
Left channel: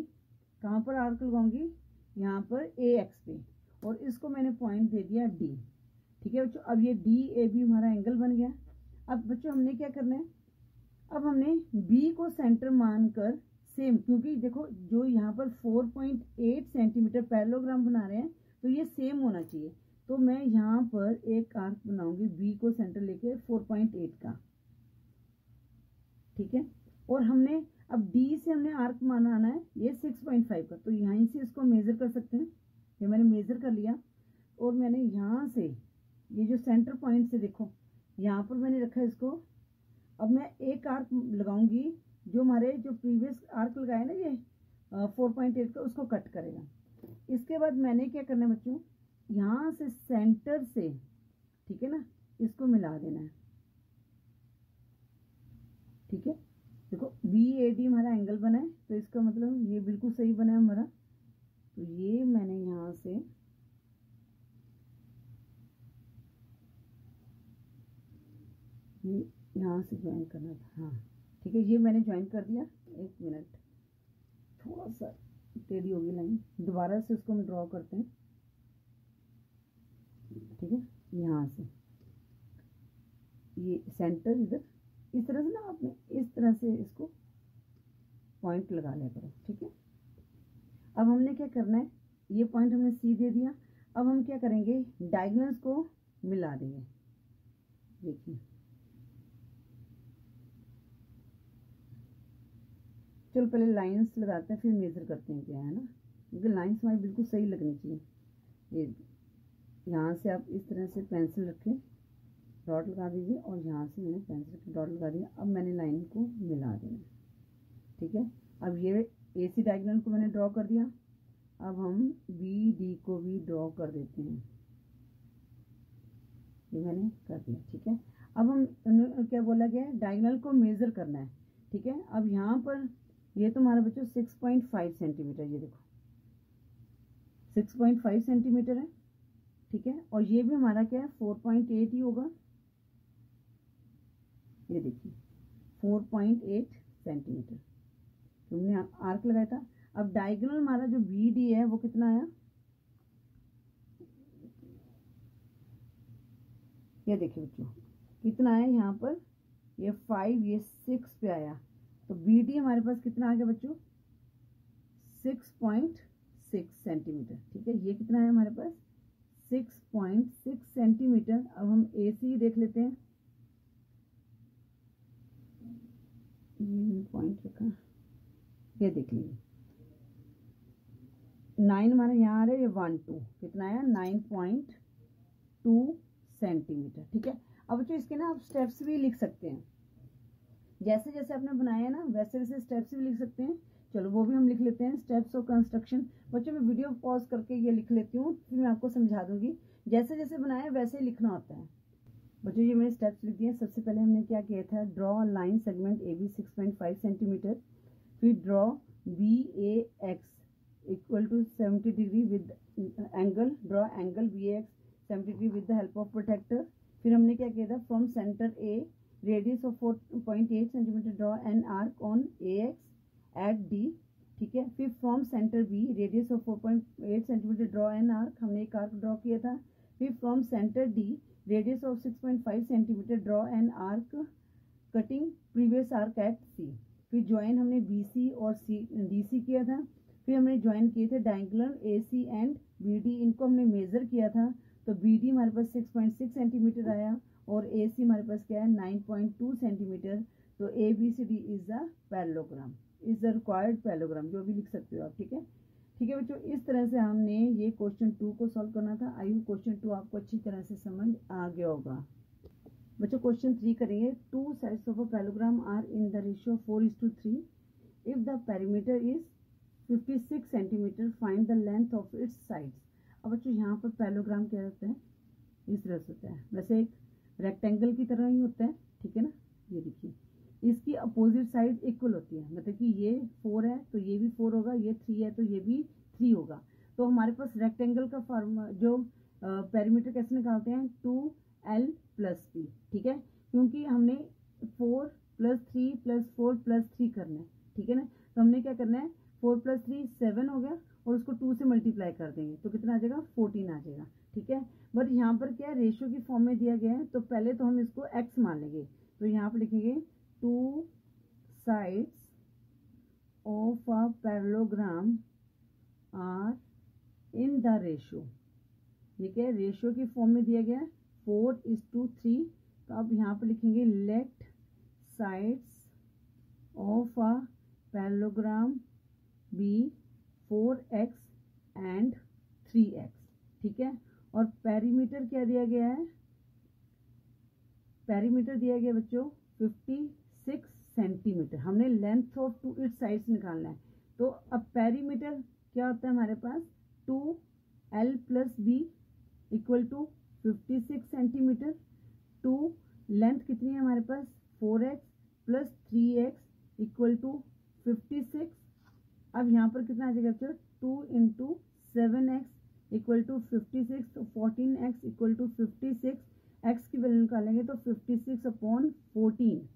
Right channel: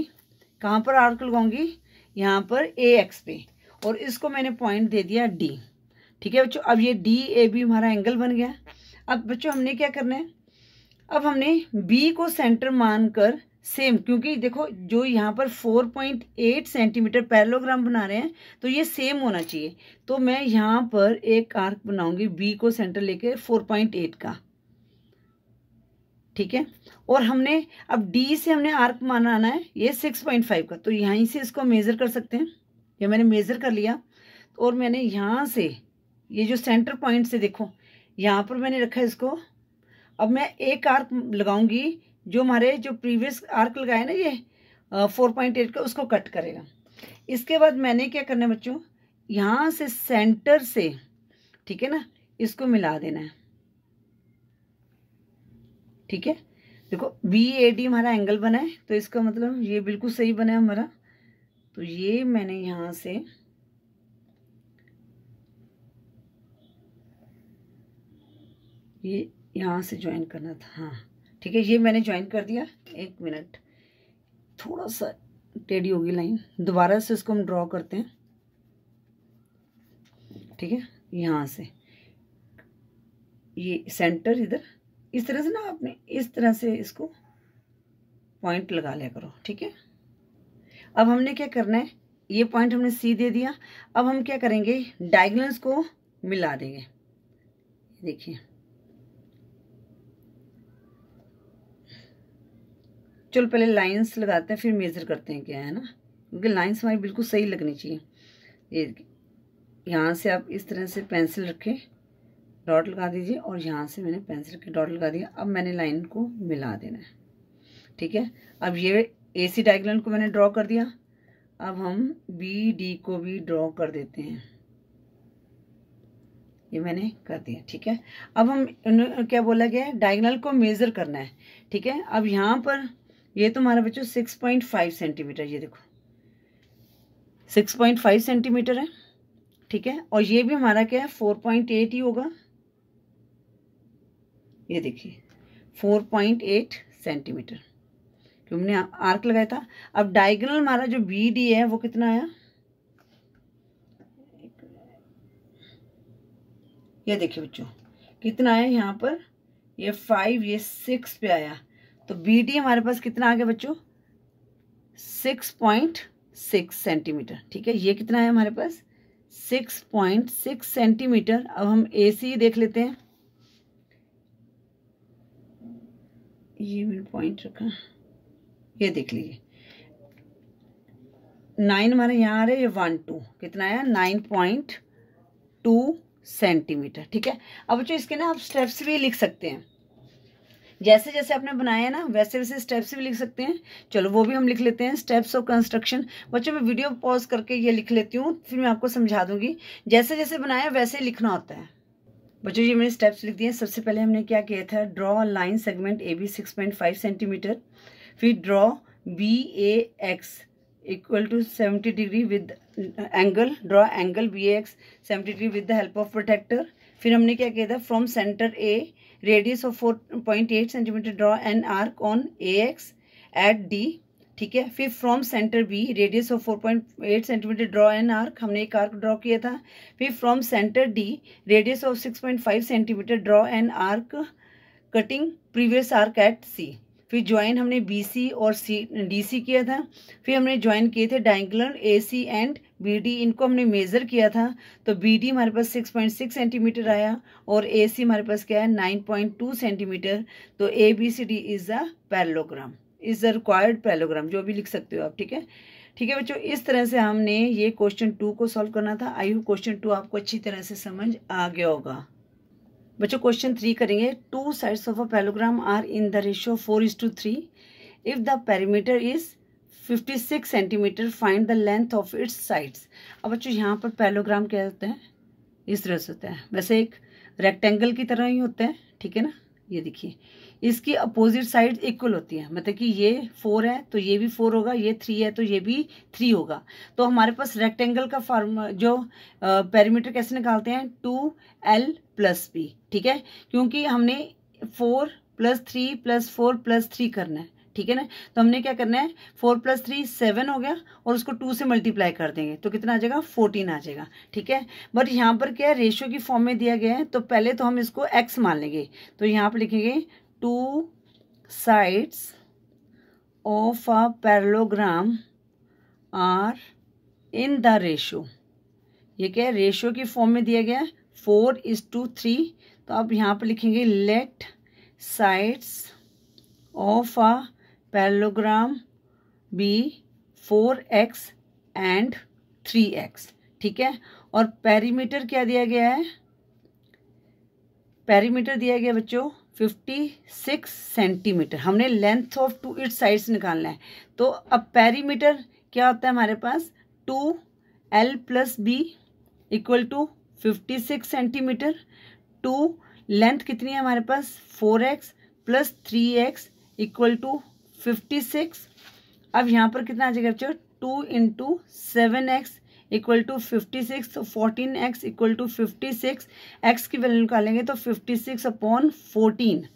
कहाँ पर आर्क लगाऊंगी, यहाँ पर ए एक्स पे, और इसको मैंने पॉइंट दे दिया डी। ठीक है बच्चों, अब ये डी ए बी हमारा एंगल बन गया। अब बच्चों हमने क्या करना है, अब हमने बी को सेंटर मानकर सेम, क्योंकि देखो जो यहाँ पर 4.8 सेंटीमीटर पैरेललोग्राम बना रहे हैं तो ये सेम होना चाहिए। तो मैं यहाँ पर एक आर्क बनाऊंगी बी को सेंटर लेके 4.8 का। ठीक है, और हमने अब डी से हमने आर्क बनाना है ये 6.5 का, तो यहीं से इसको मेज़र कर सकते हैं। ये मैंने मेज़र कर लिया, और मैंने यहाँ से ये जो सेंटर पॉइंट से देखो यहाँ पर मैंने रखा है इसको। अब मैं एक आर्क लगाऊंगी जो हमारे जो प्रीवियस आर्क लगाया ना ये 4.8 का, उसको कट करेगा। इसके बाद मैंने क्या करना है बच्चों, यहाँ से सेंटर से, ठीक है ना, इसको मिला देना है। ठीक है, देखो बी ए डी हमारा एंगल बना है, तो इसका मतलब ये बिल्कुल सही बना है हमारा। तो ये मैंने यहाँ से ये यहाँ से ज्वाइन करना था, हाँ ठीक है, ये मैंने ज्वाइन कर दिया। एक मिनट, थोड़ा सा टेढ़ी होगी लाइन, दोबारा से इसको हम ड्रॉ करते हैं। ठीक है, यहाँ से ये सेंटर इधर, इस तरह से ना आपने इस तरह से इसको पॉइंट लगा लिया करो। ठीक है, अब हमने क्या करना है, ये पॉइंट हमने सी दे दिया। अब हम क्या करेंगे, डायगोनल्स को मिला देंगे। देखिए, चलो पहले लाइंस लगाते हैं, फिर मेज़र करते हैं क्या है ना, क्योंकि लाइंस हमारी बिल्कुल सही लगनी चाहिए। ये यहाँ से आप इस तरह से पेंसिल रखें, डॉट लगा दीजिए, और यहाँ से मैंने पेंसिल के डॉट लगा दिया। अब मैंने लाइन को मिला देना है। ठीक है, अब ये ए सी डायगोनल को मैंने ड्रॉ कर दिया। अब हम बी डी को भी ड्रॉ कर देते हैं। ये मैंने कर दिया, ठीक है। अब हम क्या बोला गया है, डायगोनल को मेज़र करना है, ठीक है। अब यहाँ पर ये तो हमारा बच्चों 6.5 सेंटीमीटर, ये देखो 6.5 सेंटीमीटर है, ठीक है। और ये भी हमारा क्या है 4.8 ही होगा, ये देखिए 4.8 सेंटीमीटर, तो हमने आर्क लगाया था। अब डायगोनल हमारा जो बी डी है वो कितना आया, ये देखिए बच्चों कितना आया यहाँ पर, ये 5 ये 6 पे आया, तो बी डी हमारे पास कितना आ गया बच्चों 6.6 सेंटीमीटर, ठीक है। ये कितना है हमारे पास 6.6 सेंटीमीटर। अब हम ए सी देख लेते हैं, ये मैंने पॉइंट रखा, ये देख लीजिए 9 हमारे यहाँ आ रहे, ये 1 2 कितना आया 9.2 सेंटीमीटर, ठीक है। अब बच्चों इसके ना आप स्टेप्स भी लिख सकते हैं, जैसे जैसे आपने बनाया ना वैसे वैसे स्टेप्स भी लिख सकते हैं। चलो वो भी हम लिख लेते हैं, स्टेप्स ऑफ कंस्ट्रक्शन। बच्चों मैं वीडियो पॉज करके ये लिख लेती हूँ, फिर मैं आपको समझा दूंगी। जैसे जैसे बनाया वैसे लिखना होता है। बच्चों ये मैंने स्टेप्स लिख दिए। सबसे पहले हमने क्या किया था, draw line segment A B 6.5 centimetre, फिर draw B A X equal to 70 degree with angle, draw angle B A X 70 degree with the help of protractor. फिर हमने क्या किया था, from centre A radius of 4.8 centimetre draw an arc on A X at D, ठीक है। फिर from centre B radius of 4.8 centimetre draw an arc, हमने एक आर्क ड्रॉ किया था। फिर from centre D radius of 6.5 centimetre draw an arc cutting previous arc at C. फिर join हमने बी सी और सी डी सी किया था। फिर हमने ज्वाइन किए थे diagonal A C and B D, इनको हमने मेज़र किया था, तो बी डी हमारे पास 6.6 सेंटीमीटर आया और ए सी हमारे पास क्या है 9.2 सेंटीमीटर। तो A B C D is a parallelogram, is a required parallelogram, जो भी लिख सकते हो आप, ठीक है। ठीक है बच्चों, इस तरह से हमने ये क्वेश्चन 2 को सॉल्व करना था। आई होप क्वेश्चन 2 आपको अच्छी तरह से समझ आ गया होगा। बच्चों क्वेश्चन 3 करेंगे। 2 sides of a parallelogram are in the ratio 4:3 if the perimeter is 56 centimetre, find the length of its sides. अब बच्चों यहाँ पर पैरेललोग्राम क्या होता है, इस तरह से होता है, वैसे एक रेक्टेंगल की तरह ही होता है, ठीक है ना। ये देखिए इसकी अपोजिट साइड इक्वल होती है, मतलब कि ये 4 है तो ये भी 4 होगा, ये 3 है तो ये भी 3 होगा। तो हमारे पास रेक्टेंगल का फॉर्म जो पेरीमीटर कैसे निकालते हैं, 2l+b, ठीक है, क्योंकि हमने 4 + 3 + 4 + 3 करना है, ठीक है ना। तो हमने क्या करना है, 4 + 3 7 हो गया और उसको 2 से मल्टीप्लाई कर देंगे तो कितना आ जाएगा 14 आ जाएगा, ठीक है। बट यहाँ पर क्या है, रेशियो की फॉर्म में दिया गया है, तो पहले तो हम इसको x मान लेंगे। तो यहाँ पर लिखेंगे 2 sides of a parallelogram are in the ratio, ये क्या है रेशियो की फॉर्म में दिया गया है 4:3। तो अब यहाँ पर लिखेंगे let sides of a parallelogram be 4x and 3x, ठीक है। और पेरीमीटर क्या दिया गया है, पेरीमीटर दिया गया बच्चों 56 सेंटीमीटर। हमने लेंथ ऑफ 2 इट्स साइड्स निकालना है। तो अब पेरीमीटर क्या होता है हमारे पास, 2l+b equal to 56 centimetre. 2 length कितनी है हमारे पास 4x + 3x इक्वल टू 56। अब यहाँ पर कितना आ जाएगा बच्चों, 2 × 7x इक्वल टू 56, तो 14x इक्वल टू 56। x की वैल्यू निकालेंगे तो 56/14।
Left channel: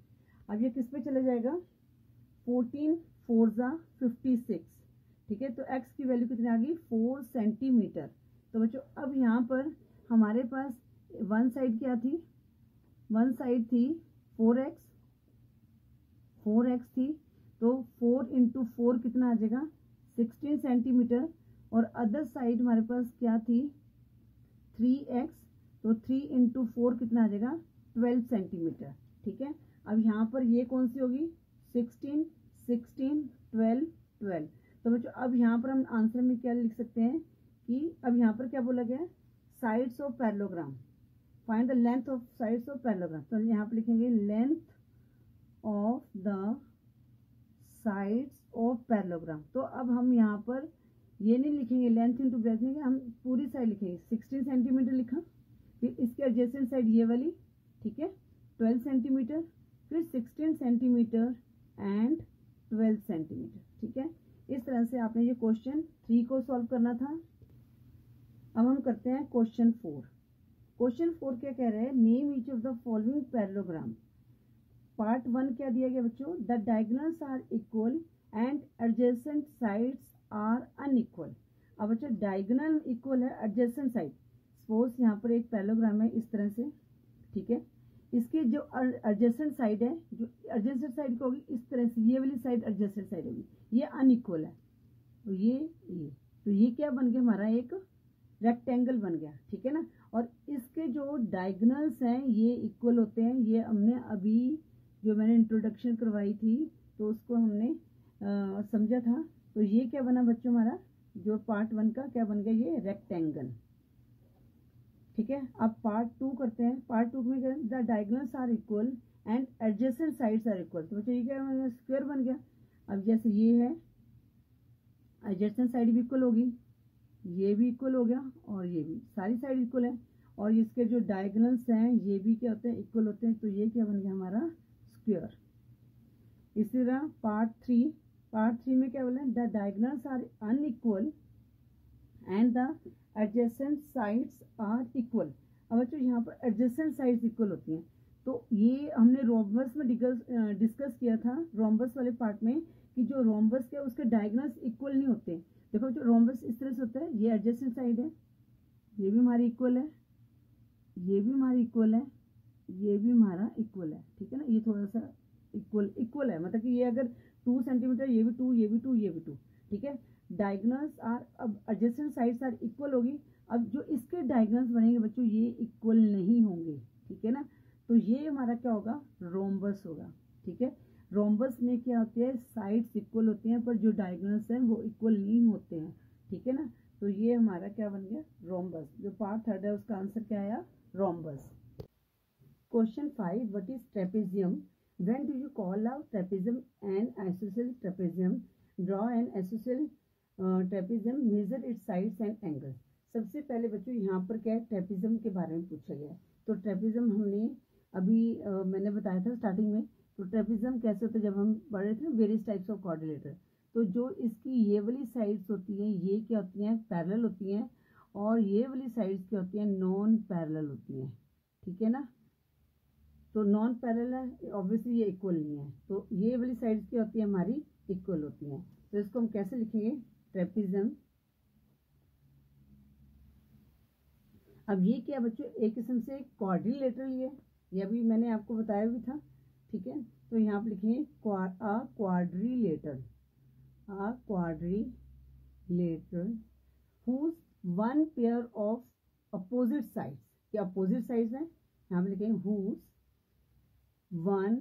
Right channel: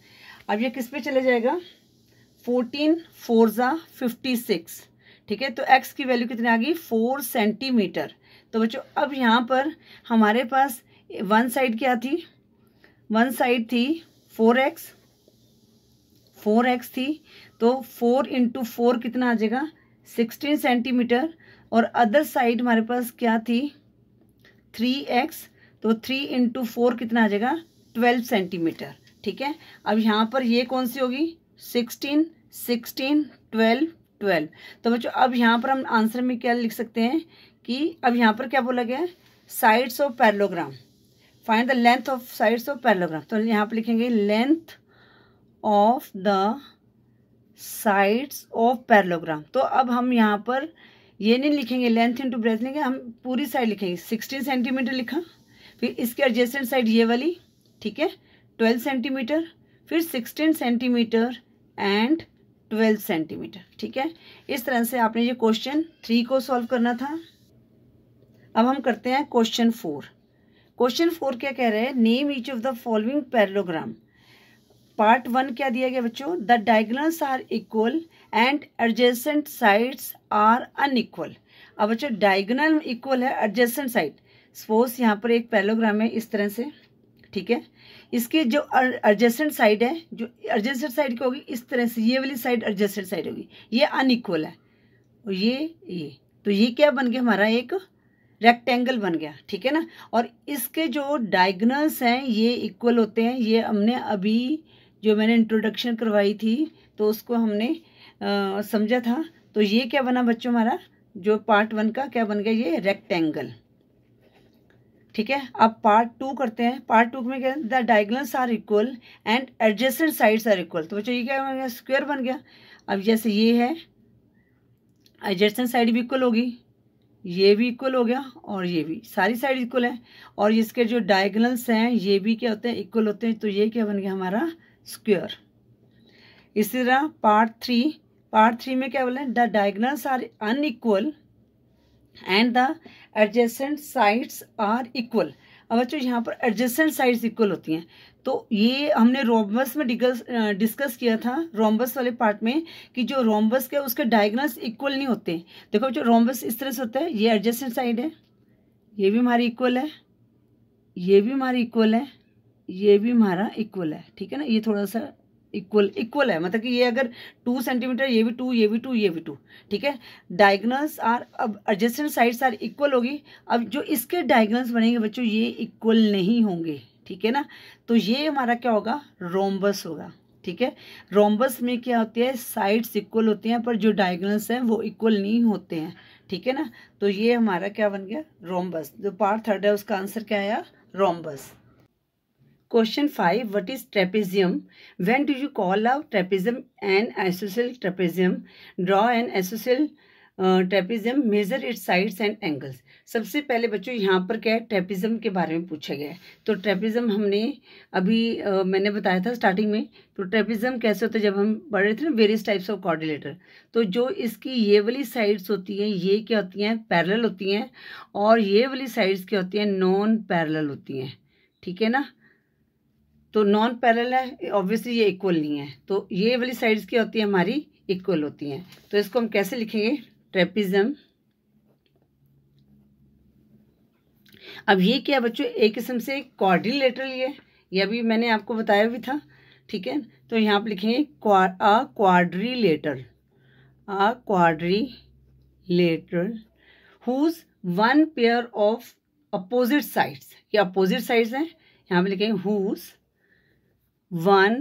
अब ये किस पे चले जाएगा, 14 4 56, ठीक है। तो x की वैल्यू कितनी आ गई 4 सेंटीमीटर। तो बच्चों अब यहाँ पर हमारे पास वन साइड क्या थी, वन साइड थी 4x थी, तो 4 × 4 कितना आ जाएगा 16 सेंटीमीटर। और अदर साइड हमारे पास क्या थी 3x, तो 3 × 4 कितना आ जाएगा 12 सेंटीमीटर, ठीक है। अब यहाँ पर ये कौन सी होगी 16 16 12 12। तो बच्चों अब यहाँ पर हम आंसर में क्या लिख सकते हैं कि अब यहाँ पर क्या बोला गया है, sides of parallelogram, find the length of sides of parallelogram. तो यहाँ पर लिखेंगे length of the sides of parallelogram. तो अब हम यहाँ पर ये नहीं लिखेंगे लेंथ इंटू ब्रेथ, लेंगे हम पूरी साइड लिखेंगे। 16 सेंटीमीटर लिखा, फिर इसके एडजेसेंट साइड ये वाली, ठीक है, 12 सेंटीमीटर, फिर 16 सेंटीमीटर एंड 12 सेंटीमीटर, ठीक है। इस तरह से आपने ये क्वेश्चन 3 को सॉल्व करना था। अब हम करते हैं क्वेश्चन 4। क्वेश्चन 4 क्या कह रहे हैं, name each of the following parallelogram. Part 1 क्या दिया गया बच्चों, the diagonals are equal and adjacent sides are unequal. अब बच्चों डायगोनल इक्वल है, एडजेसेंट साइड, सपोज यहाँ पर एक पैरेललोग्राम है इस तरह से, ठीक है। इसके जो एडजेसेंट साइड है, जो एडजेसेंट साइड की होगी इस तरह से, ये वाली साइड एडजेसेंट साइड होगी, ये अनइक्वल है, और ये तो ये क्या बन गया हमारा, एक रेक्टेंगल बन गया, ठीक है ना। और इसके जो डायगोनल्स हैं ये इक्वल होते हैं, ये हमने अभी जो मैंने इंट्रोडक्शन करवाई थी तो उसको हमने समझा था। तो ये क्या बना बच्चों हमारा, जो पार्ट 1 का क्या बन गया, ये रेक्टेंगल, ठीक है। अब पार्ट 2 करते हैं। पार्ट 2 में क्या, the diagonals are equal and adjacent sides are equal. तो बच्चों ये क्या बन गया, स्क्वायर बन गया। अब जैसे ये है, एडजेसेंट साइड भी इक्वल होगी, ये भी इक्वल हो गया, और ये भी, सारी साइड इक्वल है, और इसके जो डायगोनल्स हैं ये भी क्या होते हैं, इक्वल होते हैं। तो ये क्या बन गया हमारा, स्क्वायर। इसी तरह पार्ट 3 में क्या बोला है, the diagonals are unequal and the adjacent sides are equal. अब बच्चों यहाँ पर एडजेसेंट साइड्स इक्वल होती हैं, तो ये हमने रोम्बस में डिस्कस किया था, रोम्बस वाले पार्ट में, कि जो रोम्बस के उसके डायगोनल्स इक्वल नहीं होते। देखो बच्चों रोम्बस इस तरह से होता है, ये एडजेसेंट साइड है, ये भी हमारी इक्वल है, ये भी हमारी इक्वल है, ये भी हमारा इक्वल है, ठीक है ना। ये थोड़ा सा इक्वल है, मतलब कि ये अगर 2 सेंटीमीटर, ये भी 2, ये भी 2, ये भी 2, ठीक है। डायगोनल्स आर, अब एडजेसेंट साइड्स आर इक्वल होगी। अब जो इसके डायगोनल्स बनेंगे बच्चों ये इक्वल नहीं होंगे, ठीक है ना। तो ये हमारा क्या होगा, रोम्बस होगा, ठीक है। रोम्बस में क्या होती है, साइड्स इक्वल होती हैं पर जो डायगोनल्स हैं वो इक्वल नहीं होते हैं, ठीक है ना। तो ये हमारा क्या बन गया, रोम्बस। जो पार्ट 3 है उसका आंसर क्या आया, rhombus. Question 5. What is trapezium? When do you call a trapezium an isosceles trapezium? Draw an isosceles trapezium. Measure its sides and angles. सबसे पहले बच्चों यहाँ पर क्या है, ट्रेपेजियम के बारे में पूछा गया है। तो ट्रेपेजियम हमने अभी मैंने बताया था स्टार्टिंग में। तो ट्रेपेजियम कैसे होता है, जब हम पढ़ रहे थे ना वेरियस टाइप्स ऑफ क्वाड्रिलेटर, तो जो इसकी ये वाली साइड्स होती हैं ये क्या होती हैं, पैरेलल होती हैं, और ये वाली साइड्स क्या होती हैं, नॉन पैरेलल होती हैं, ठीक है ना। तो नॉन पैरेलल है, ऑब्वियसली ये इक्वल नहीं है, तो ये वाली साइड्स क्या होती है हमारी, इक्वल होती हैं। तो इसको हम कैसे लिखेंगे, ट्रेपेजियम। अब ये क्या बच्चों, एक किस्म से क्वाड्रिलेटरल ये अभी मैंने आपको बताया भी था, ठीक है। तो यहाँ पे लिखेंगे quadrilateral, a quadrilateral whose one pair of opposite sides, ये अपोजिट साइड्स हैं, यहाँ पे लिखेंगे whose one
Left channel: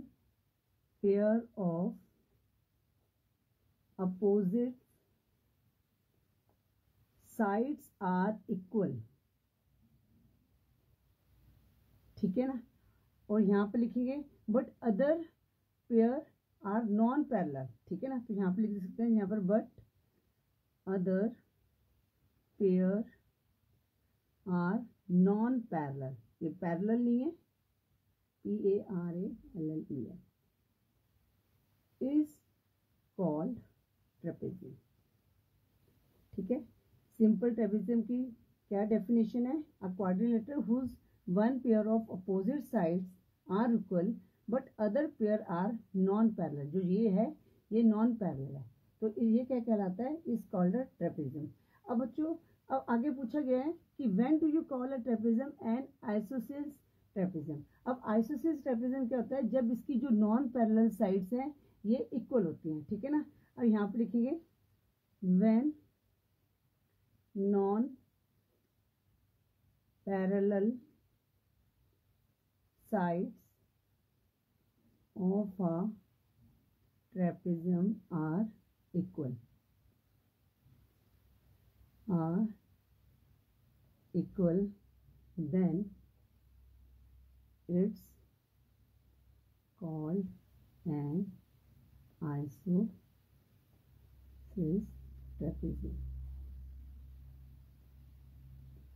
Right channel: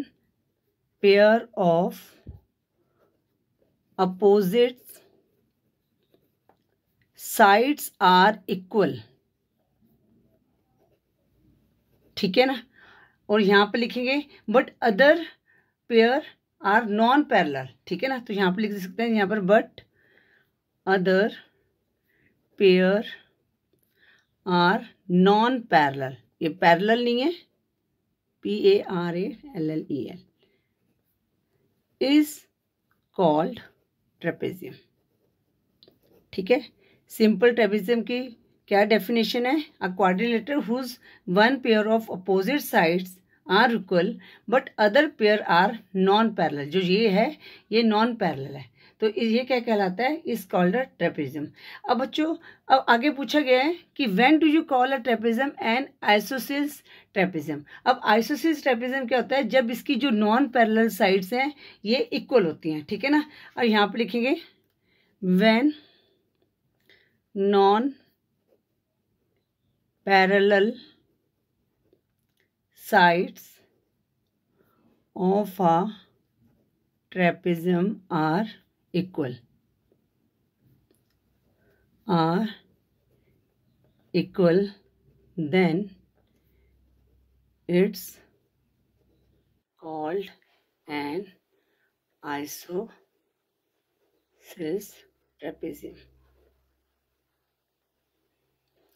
pair of opposite sides are equal, ठीक है ना। और यहाँ पे लिखेंगे but other pair are non parallel, ठीक है ना। तो यहाँ पे लिख सकते हैं यहाँ पर but other pair are non parallel, ये पैरेलल नहीं है, PARALLEL is called trapezium, ठीक है। सिंपल ट्रेपेजियम की क्या डेफिनेशन है, a quadrilateral whose one pair of opposite sides are equal but other pair are non parallel. जो ये है ये नॉन पैरेलल है, तो ये क्या कहलाता है, इज कॉल्ड अ ट्रेपेजियम। अब बच्चों अब आगे पूछा गया है कि when do you call a trapezium N isosceles trapezium. अब आइसोसेलेस ट्रेपेजियम क्या होता है, जब इसकी जो नॉन पैरेलल साइड्स हैं ये इक्वल होती हैं, ठीक है ना। और यहाँ पे लिखेंगे when non parallel sides of a trapezium are equal, then it's called an isosceles trapezium,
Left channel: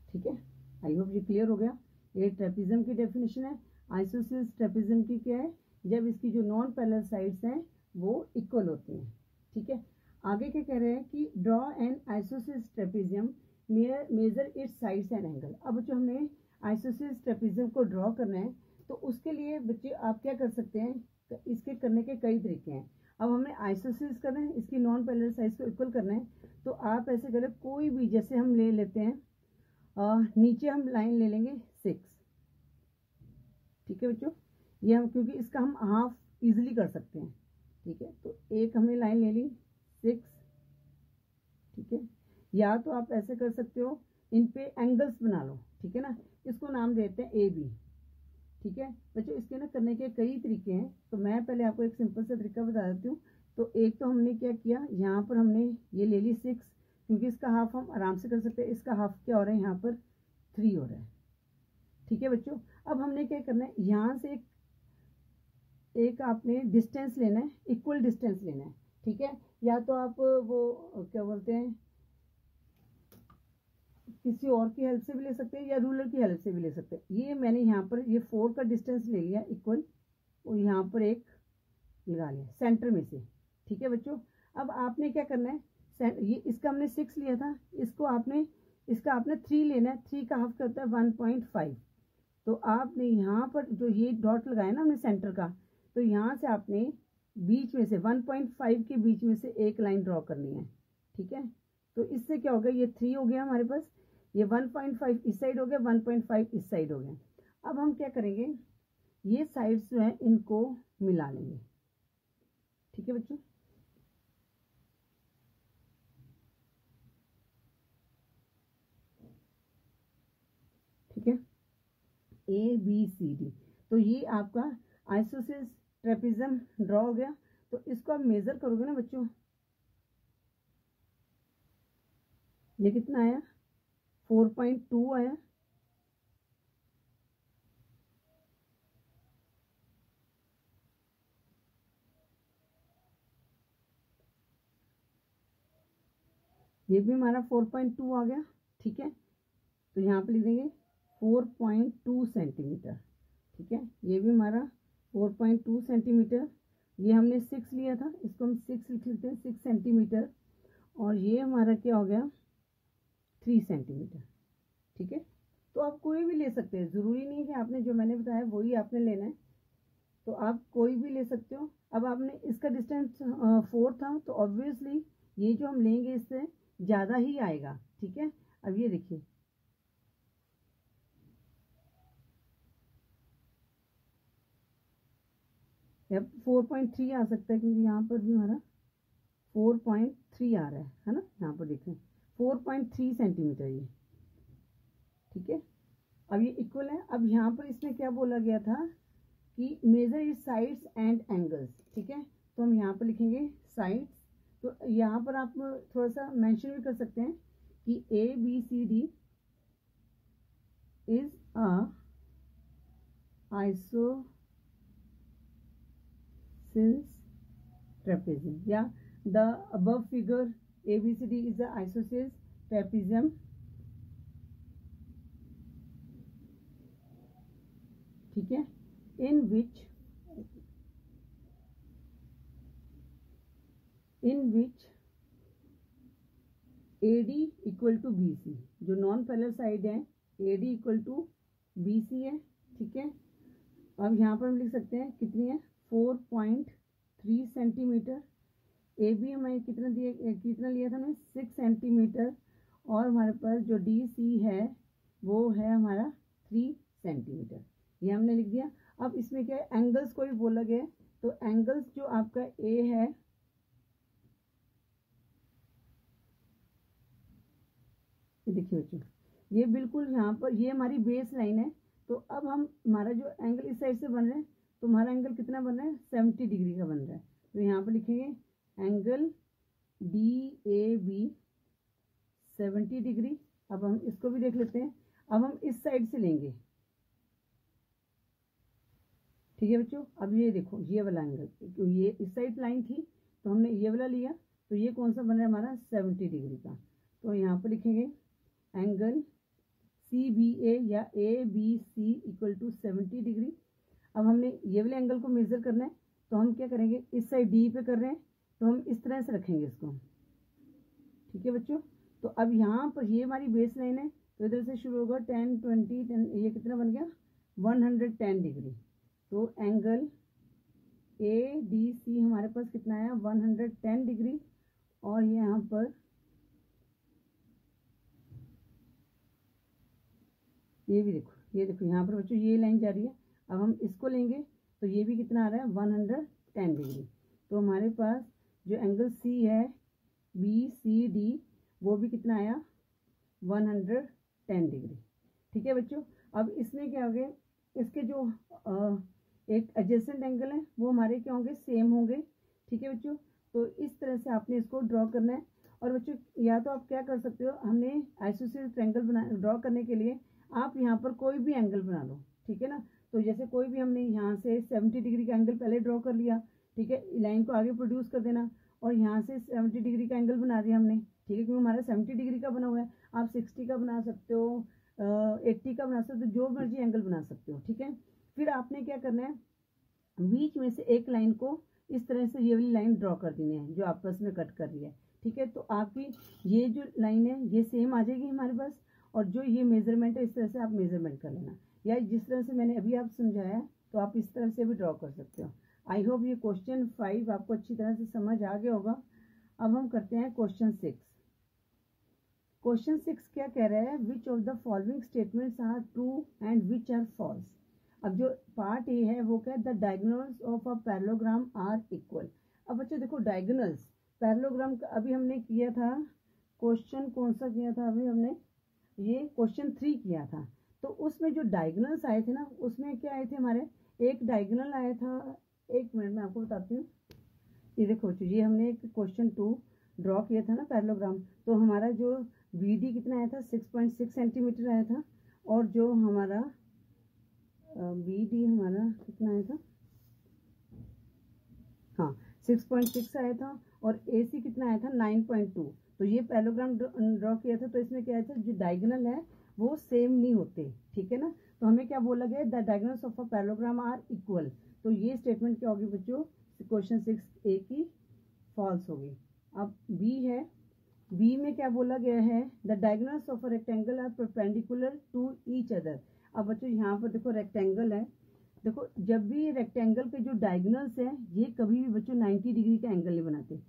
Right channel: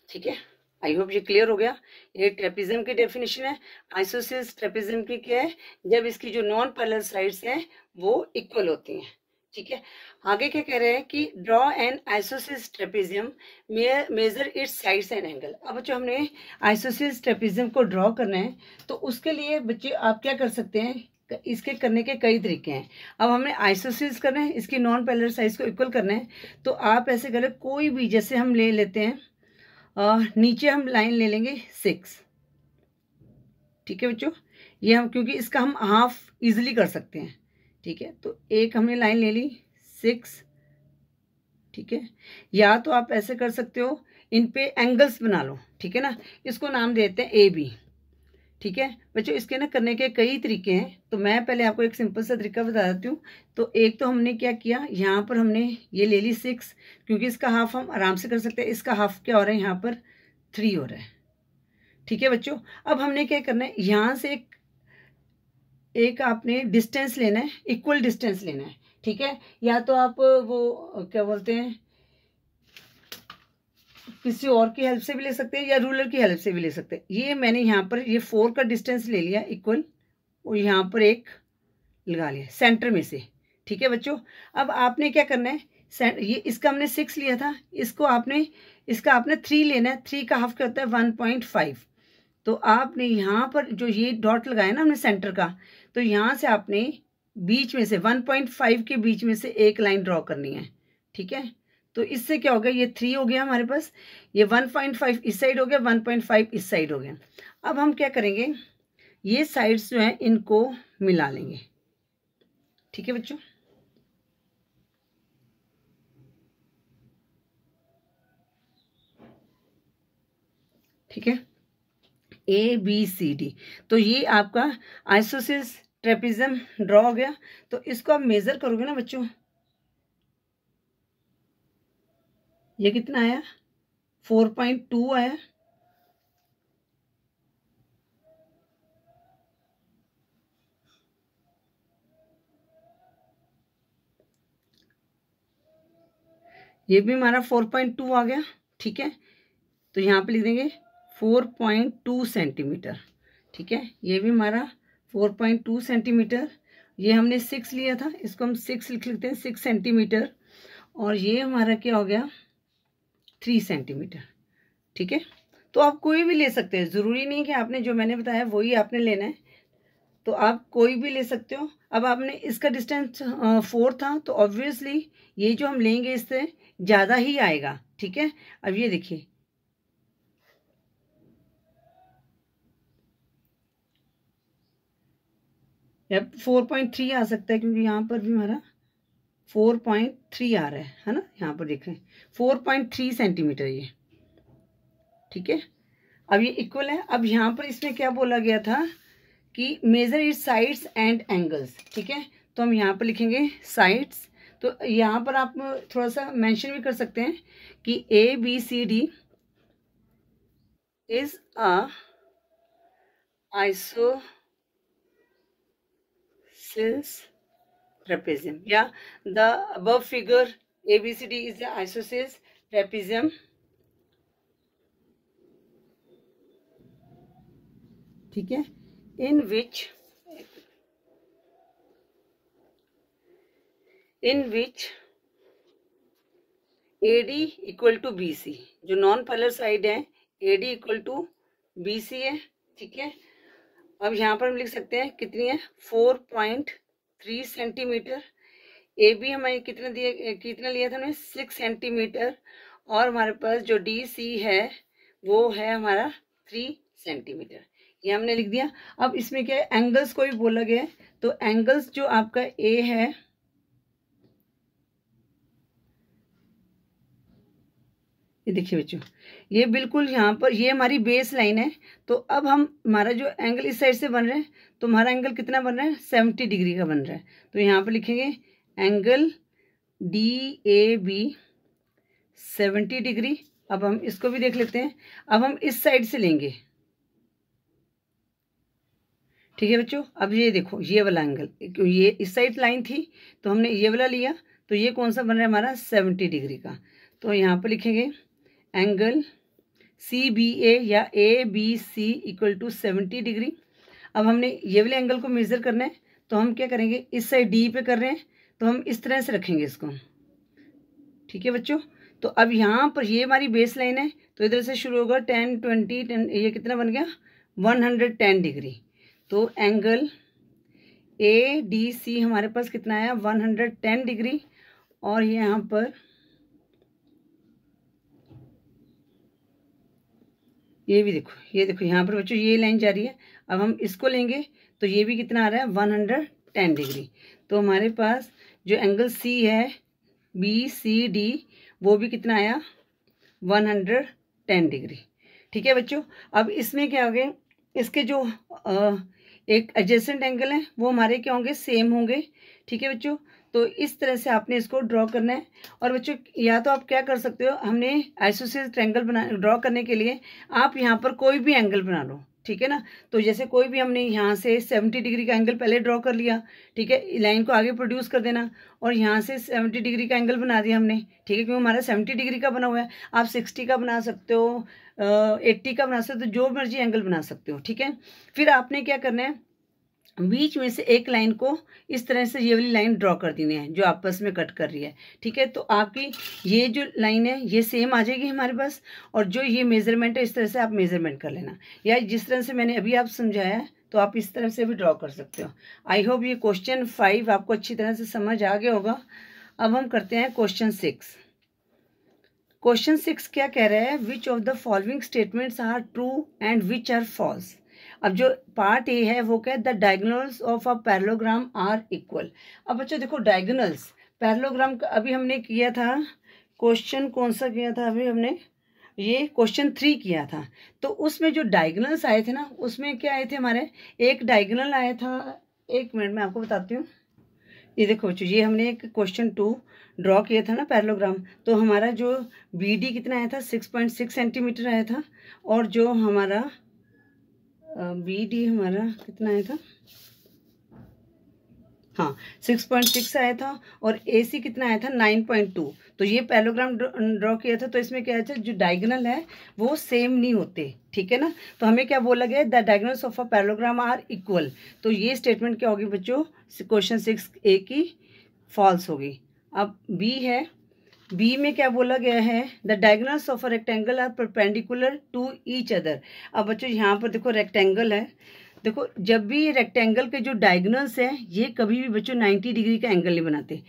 ठीक है। आई होप ये क्लियर हो गया। ये ट्रेपेजियम की डेफिनेशन है। आइसोसेल्स ट्रेपेजियम की क्या है, जब इसकी जो नॉन पैरेलल साइड्स हैं वो इक्वल होती हैं। ठीक है, आगे क्या कह रहे हैं कि draw an isosceles trapezium measure its sides and angle. अब बच्चों हमने आइसोसेल्स ट्रेपेजियम को ड्रॉ करना है, तो उसके लिए बच्चे आप क्या कर सकते हैं, इसके करने के कई तरीके हैं। अब हमें आइसोसेल्स करना है, इसकी नॉन पैरेलल साइड्स को इक्वल करना है, तो आप ऐसे करें, कोई भी, जैसे हम ले लेते हैं नीचे हम लाइन ले लेंगे 6। ठीक है बच्चों, ये हम, क्योंकि इसका हम हाफ इजीली कर सकते हैं। ठीक है, तो एक हमने लाइन ले ली 6। ठीक है, या तो आप ऐसे कर सकते हो, इन पे एंगल्स बना लो। ठीक है ना, इसको नाम देते हैं AB। ठीक है बच्चों, इसके ना करने के कई तरीके हैं, तो मैं पहले आपको एक सिंपल सा तरीका बता देती हूँ। तो एक तो हमने क्या किया, यहाँ पर हमने ये ले ली 6, क्योंकि इसका हाफ हम आराम से कर सकते हैं। इसका हाफ क्या हो रहा है, यहाँ पर 3 हो रहा है। ठीक है बच्चों, अब हमने क्या करना है, यहाँ से एक आपने डिस्टेंस लेना है, इक्वल डिस्टेंस लेना है। ठीक है, या तो आप वो क्या बोलते हैं, किसी और की हेल्प से भी ले सकते हैं, या रूलर की हेल्प से भी ले सकते हैं। ये मैंने यहाँ पर ये 4 का डिस्टेंस ले लिया इक्वल, और यहाँ पर एक लगा लिया सेंटर में से। ठीक है बच्चों, अब आपने क्या करना है, ये इसका हमने 6 लिया था, इसको आपने 3 लेना है। 3 का हाफ क्या होता है, 1.5। तो आपने यहाँ पर जो ये डॉट लगाया ना हमने सेंटर का, तो यहाँ से आपने बीच में से 1.5 के बीच में से एक लाइन ड्रॉ करनी है। ठीक है, तो इससे क्या हो गया, ये 3 हो गया हमारे पास, ये 1.5 इस साइड हो गया, 1.5 इस साइड हो गया। अब हम क्या करेंगे, ये साइड्स जो हैं इनको मिला लेंगे। ठीक है बच्चों, ठीक है, ABCD, तो ये आपका आइसोसेल्स ट्रेपेजियम ड्रॉ हो गया। तो इसको आप मेजर करोगे ना बच्चों, ये कितना आया, 4.2 आया। ये भी हमारा 4.2 आ गया। ठीक है, तो यहाँ पे लिख देंगे 4.2 सेंटीमीटर। ठीक है, ये भी हमारा 4.2 सेंटीमीटर। ये हमने 6 लिया था, इसको हम 6 लिख लेते हैं, 6 सेंटीमीटर। और ये हमारा क्या हो गया, 3 सेंटीमीटर। ठीक है, तो आप कोई भी ले सकते हैं, ज़रूरी नहीं कि आपने जो मैंने बताया वही आपने लेना है, तो आप कोई भी ले सकते हो। अब आपने इसका डिस्टेंस 4 था, तो ऑब्वियसली ये जो हम लेंगे इससे ज़्यादा ही आएगा। ठीक है, अब ये देखिए, अब 4.3 आ सकता है, क्योंकि यहाँ पर भी हमारा 4.3 आ रहा है ना, यहाँ पर देखें 4.3 सेंटीमीटर ये। ठीक है, अब ये इक्वल है। अब यहाँ पर इसमें क्या बोला गया था कि measure it sides and angles. ठीक है, तो हम यहाँ पर लिखेंगे साइड्स। तो यहाँ पर आप थोड़ा सा मेंशन भी कर सकते हैं कि ABCD is a isosceles trapezium, या the above figure ABCD is a isosceles trapezium. ठीक है, in which AD equal to BC, जो नॉन पैरेलल साइड है AD इक्वल टू BC है। ठीक है, अब यहाँ पर हम लिख सकते हैं कितनी है, 4.3 सेंटीमीटर। AB हमें कितना लिया था हमने, 6 सेंटीमीटर। और हमारे पास जो DC है वो है हमारा 3 सेंटीमीटर, ये हमने लिख दिया। अब इसमें क्या है, एंगल्स को भी बोला गया है, तो एंगल्स जो आपका A है, ये देखिए बच्चों, ये बिल्कुल यहाँ पर ये हमारी बेस लाइन है। तो अब हम हमारा जो एंगल इस साइड से बन रहा है, तो हमारा एंगल कितना बन रहा है, 70 डिग्री का बन रहा है। तो यहाँ पर लिखेंगे एंगल DAB 70 डिग्री। अब हम इसको भी देख लेते हैं, अब हम इस साइड से लेंगे। ठीक है बच्चों, अब ये देखो, ये वाला एंगल, ये इस साइड लाइन थी तो हमने ये वाला लिया, तो ये कौन सा बन रहा है हमारा, 70 डिग्री का। तो यहाँ पर लिखेंगे एंगल CBA या ABC इक्वल टू 70 डिग्री। अब हमने ये वाले एंगल को मेज़र करना है, तो हम क्या करेंगे, इस साइड D पे कर रहे हैं तो हम इस तरह से रखेंगे इसको। ठीक है बच्चों, तो अब यहाँ पर ये हमारी बेस लाइन है, तो इधर से शुरू होगा 10 20 10, ये कितना बन गया 110 डिग्री। तो एंगल ADC हमारे पास कितना आया 110 डिग्री। और यहाँ पर ये भी देखो, ये देखो यहाँ पर बच्चों ये लाइन जा रही है। अब हम इसको लेंगे तो ये भी कितना आ रहा है 110 डिग्री। तो हमारे पास जो एंगल C है BCD वो भी कितना आया 110 डिग्री। ठीक है बच्चों, अब इसमें क्या हो गया, इसके जो एक एडजेसेंट एंगल है वो हमारे क्या होंगे, सेम होंगे। ठीक है बच्चों, तो इस तरह से आपने इसको ड्रॉ करना है। और बच्चों या तो आप क्या कर सकते हो, हमने आइसोसेलेस ट्रायंगल ड्रॉ करने के लिए आप यहाँ पर कोई भी एंगल बना लो। ठीक है ना, तो जैसे कोई भी हमने यहाँ से 70 डिग्री का एंगल पहले ड्रॉ कर लिया। ठीक है, लाइन को आगे प्रोड्यूस कर देना और यहाँ से 70 डिग्री का एंगल बना दिया हमने। ठीक है, क्योंकि हमारा 70 डिग्री का बना हुआ है। आप 60 का बना सकते हो, 80 का बना सकते हो, जो मर्जी एंगल बना सकते हो। ठीक है, फिर आपने क्या करना है, बीच में से एक लाइन को इस तरह से ये वाली लाइन ड्रॉ कर देनी है जो आपस में कट कर रही है। ठीक है, तो आपकी ये जो लाइन है ये सेम आ जाएगी हमारे पास, और जो ये मेजरमेंट है इस तरह से आप मेजरमेंट कर लेना, या जिस तरह से मैंने अभी आप समझाया है तो आप इस तरह से भी ड्रॉ कर सकते हो। आई होप ये क्वेश्चन 5 आपको अच्छी तरह से समझ आ गया होगा। अब हम करते हैं क्वेश्चन 6। क्वेश्चन 6 क्या कह रहा है, which of the following statements are true and which are false. अब जो पार्ट ए है वो क्या है, the diagonals of a parallelogram are equal. अब बच्चों देखो डायगोनल्स पैरेललोग्राम का अभी हमने किया था, क्वेश्चन कौन सा किया था, अभी हमने ये क्वेश्चन 3 किया था। तो उसमें जो डायगोनल्स आए थे ना, उसमें क्या आए थे हमारे, एक डायगोनल आया था, एक मिनट में आपको बताती हूँ। ये देखो बच्चों, ये हमने एक क्वेश्चन 2 ड्रॉ किया था ना पैरेललोग्राम, तो हमारा जो BD कितना आया था 6.6 सेंटीमीटर आया था, और जो हमारा BD हमारा कितना आया था, हाँ 6.6 आया था, और AC कितना आया था 9.2। तो ये पैरेललोग्राम ड्रॉ किया था, तो इसमें क्या है, जो डायगोनल है वो सेम नहीं होते। ठीक है ना, तो हमें क्या बोला गया, the diagonals of a parallelogram are equal. तो ये स्टेटमेंट क्या होगी बच्चों, क्वेश्चन 6A की फॉल्स होगी। अब B है, बी में क्या बोला गया है, the diagonals of a rectangle are perpendicular to each other. अब बच्चों यहाँ पर देखो रेक्टेंगल है, देखो जब भी रेक्टेंगल के जो डायगोनल्स हैं ये कभी भी बच्चों 90 डिग्री का एंगल नहीं बनाते।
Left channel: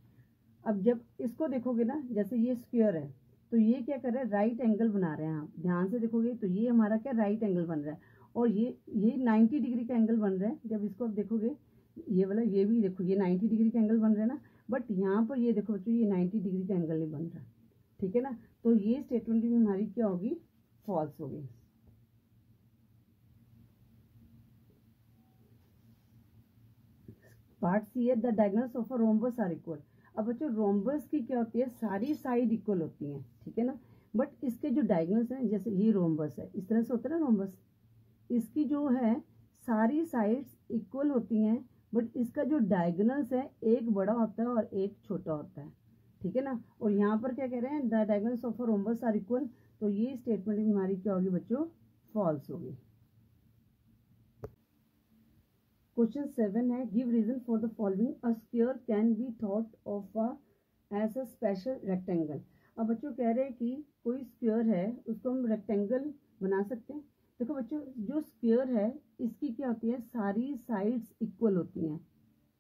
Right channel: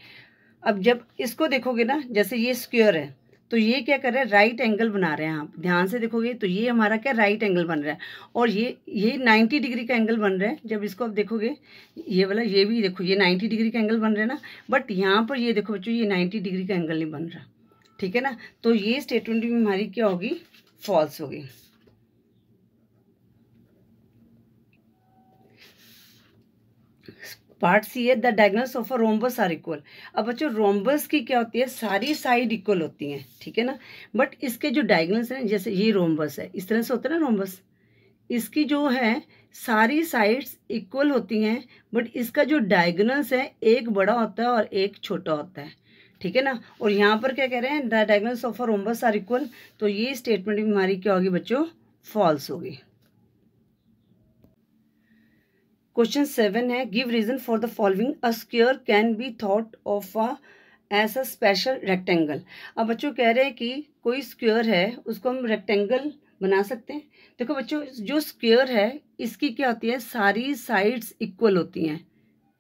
अब जब इसको देखोगे ना, जैसे ये स्क्वायर है तो ये क्या कर रहा है, राइट एंगल बना रहे हैं। आप ध्यान से देखोगे तो ये हमारा क्या राइट एंगल बन रहा है, और ये 90 डिग्री का एंगल बन रहा है। जब इसको आप देखोगे ये वाला, ये भी देखो ये 90 डिग्री का एंगल बन रहा है ना, बट यहाँ पर ये देखो बच्चों ये 90 डिग्री का एंगल नहीं बन रहा। ठीक है ना, तो ये स्टेटमेंट भी हमारी क्या होगी, फॉल्स होगी। पार्ट सी है, the diagonals of a rhombus are equal. अब बच्चों रोम्बस की क्या होती है, सारी साइड इक्वल होती हैं। ठीक है ना, बट इसके जो डायगोनल्स हैं, जैसे ये रोम्बस है, इस तरह से होता है ना रोम्बस, इसकी जो है सारी साइड्स इक्वल होती हैं, बट इसका जो डायगोनल्स है एक बड़ा होता है और एक छोटा होता है। ठीक है ना, और यहाँ पर क्या कह रहे हैं, the diagonals of a rhombus are equal. तो ये स्टेटमेंट भी हमारी क्या होगी बच्चों, फॉल्स होगी। क्वेश्चन 7 है, give reason for the following, a square can be thought of as a special rectangle. अब बच्चों कह रहे हैं कि कोई स्क्वायर है उसको हम रेक्टेंगल बना सकते हैं। देखो बच्चों जो स्क्वायर है इसकी क्या होती है, सारी साइड्स इक्वल होती हैं।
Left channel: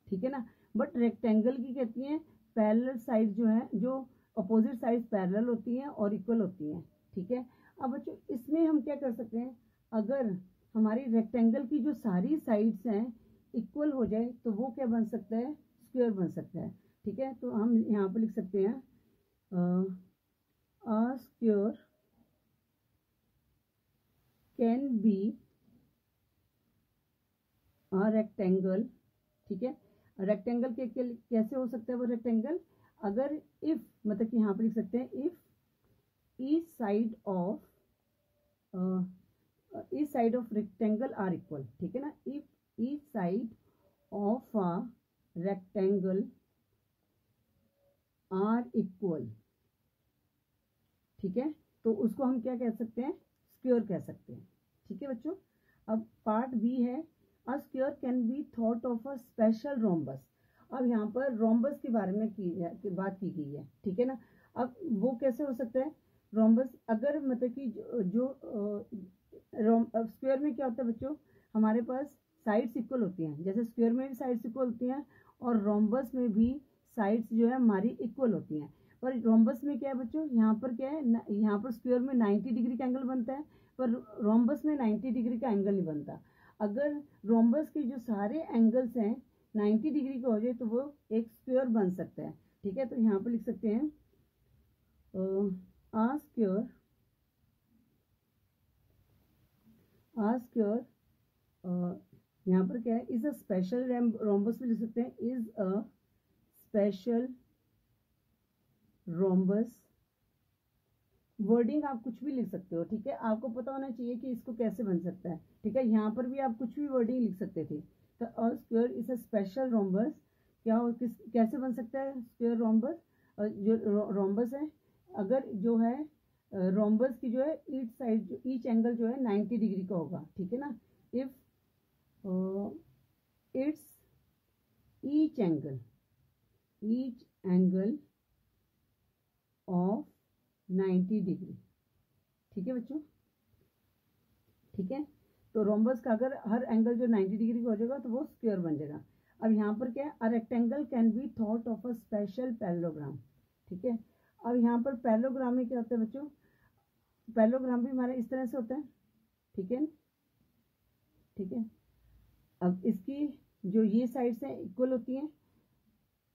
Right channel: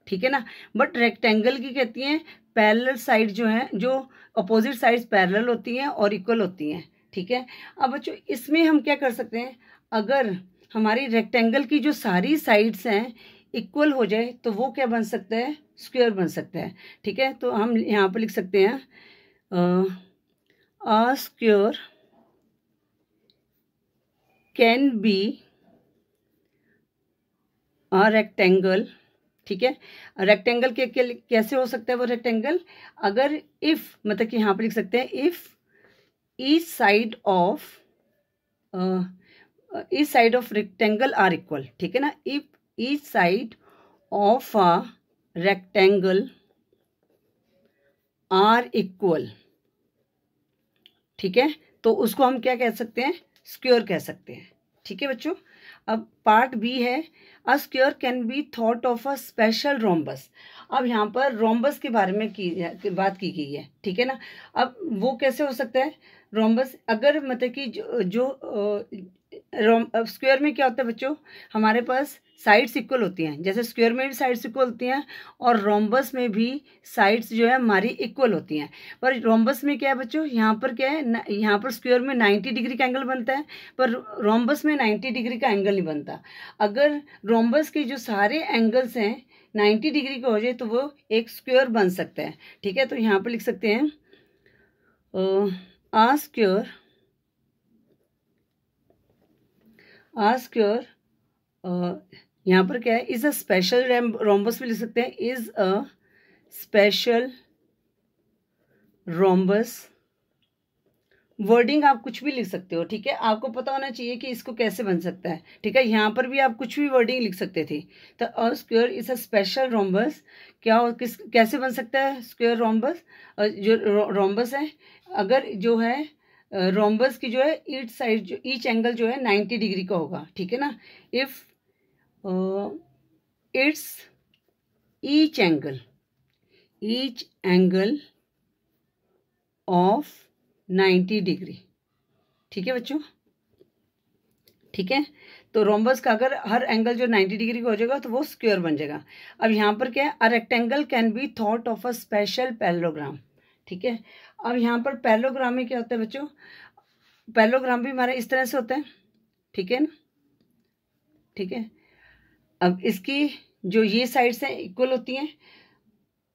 ठीक है ना, बट रेक्टेंगल की कहती हैं पैरेलल साइड जो है, जो अपोजिट साइड्स पैरेलल होती हैं और इक्वल होती हैं। ठीक है, अब बच्चों इसमें हम क्या कर सकते हैं, अगर हमारी रेक्टेंगल की जो सारी साइड्स हैं इक्वल हो जाए तो वो क्या बन सकता है, स्क्वायर बन सकता है। ठीक है, तो हम यहाँ पर लिख सकते हैं अ square can be a rectangle. ठीक है, रेक्टेंगल के कैसे हो सकता है वो रेक्टेंगल, अगर इफ मतलब कि यहाँ पर लिख सकते हैं if each side of rectangle are equal. ठीक है ना, if each side of a rectangle are equal. ठीक है, तो उसको हम क्या कह सकते हैं, स्क्वायर कह सकते हैं। ठीक है बच्चों। अब पार्ट बी है, अ square can be thought of a special rhombus. अब यहाँ पर रोम्बस के बारे में बात की गई है। ठीक है ना। अब वो कैसे हो सकता है रोम्बस, अगर मतलब कि स्क्वायर में क्या होता है बच्चों, हमारे पास साइड्स इक्वल होती हैं, जैसे स्क्वायर में भी साइड्स इक्वल होती हैं और रोम्बस में भी साइड्स जो है हमारी इक्वल होती हैं। पर रोम्बस में क्या है बच्चों, यहाँ पर क्या है, यहाँ पर स्क्वायर में 90 डिग्री का एंगल बनता है, पर रोम्बस में 90 डिग्री का एंगल नहीं बनता। अगर रोम्बस के जो सारे एंगल्स हैं 90 डिग्री का हो जाए तो वो एक स्क्वायर बन सकता है। ठीक है, तो यहाँ पर लिख सकते हैं आ स्क्वायर यहाँ पर क्या है, इज अ स्पेशल रोम्बस भी लिख सकते हैं, is a special rhombus. Wording आप कुछ भी लिख सकते हो। ठीक है, आपको पता होना चाहिए कि इसको कैसे बन सकता है। ठीक है, यहाँ पर भी आप कुछ भी वर्डिंग लिख सकते थे। तो अ square is a special rhombus, कैसे बन सकता है स्क्वायर रोम्बस, जो रोम्बस है, अगर जो है रोम्बस की जो है ईच साइड जो ईच एंगल जो है 90 डिग्री का होगा। ठीक है ना। If it's each angle of 90 degree. ठीक है बच्चों। ठीक है, तो रोम्बस का अगर हर एंगल जो 90 डिग्री का हो जाएगा तो वो स्क्वायर बन जाएगा। अब यहाँ पर क्या है, a rectangle can be thought of a special parallelogram. ठीक है, अब यहाँ पर पैरेललोग्राम में क्या होता है बच्चों, पैरेललोग्राम भी हमारा इस तरह से होता है। ठीक है ना। ठीक है, अब इसकी जो ये साइड्स हैं इक्वल होती हैं।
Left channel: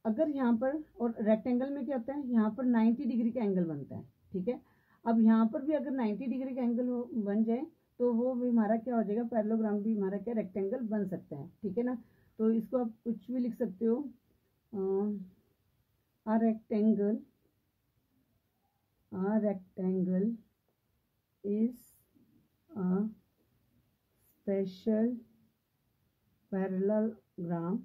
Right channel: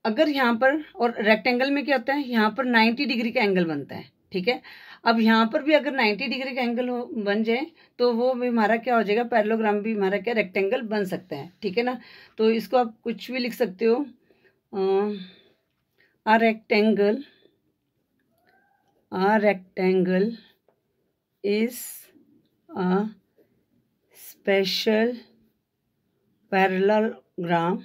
अगर यहाँ पर, और रेक्टेंगल में क्या होता है, यहाँ पर 90 डिग्री का एंगल बनता है। ठीक है, अब यहाँ पर भी अगर 90 डिग्री का एंगल बन जाए तो वो भी हमारा क्या हो जाएगा, पैरेललोग्राम भी हमारा क्या रेक्टेंगल बन सकता है। ठीक है ना। तो इसको आप कुछ भी लिख सकते हो, a rectangle is a special parallelogram.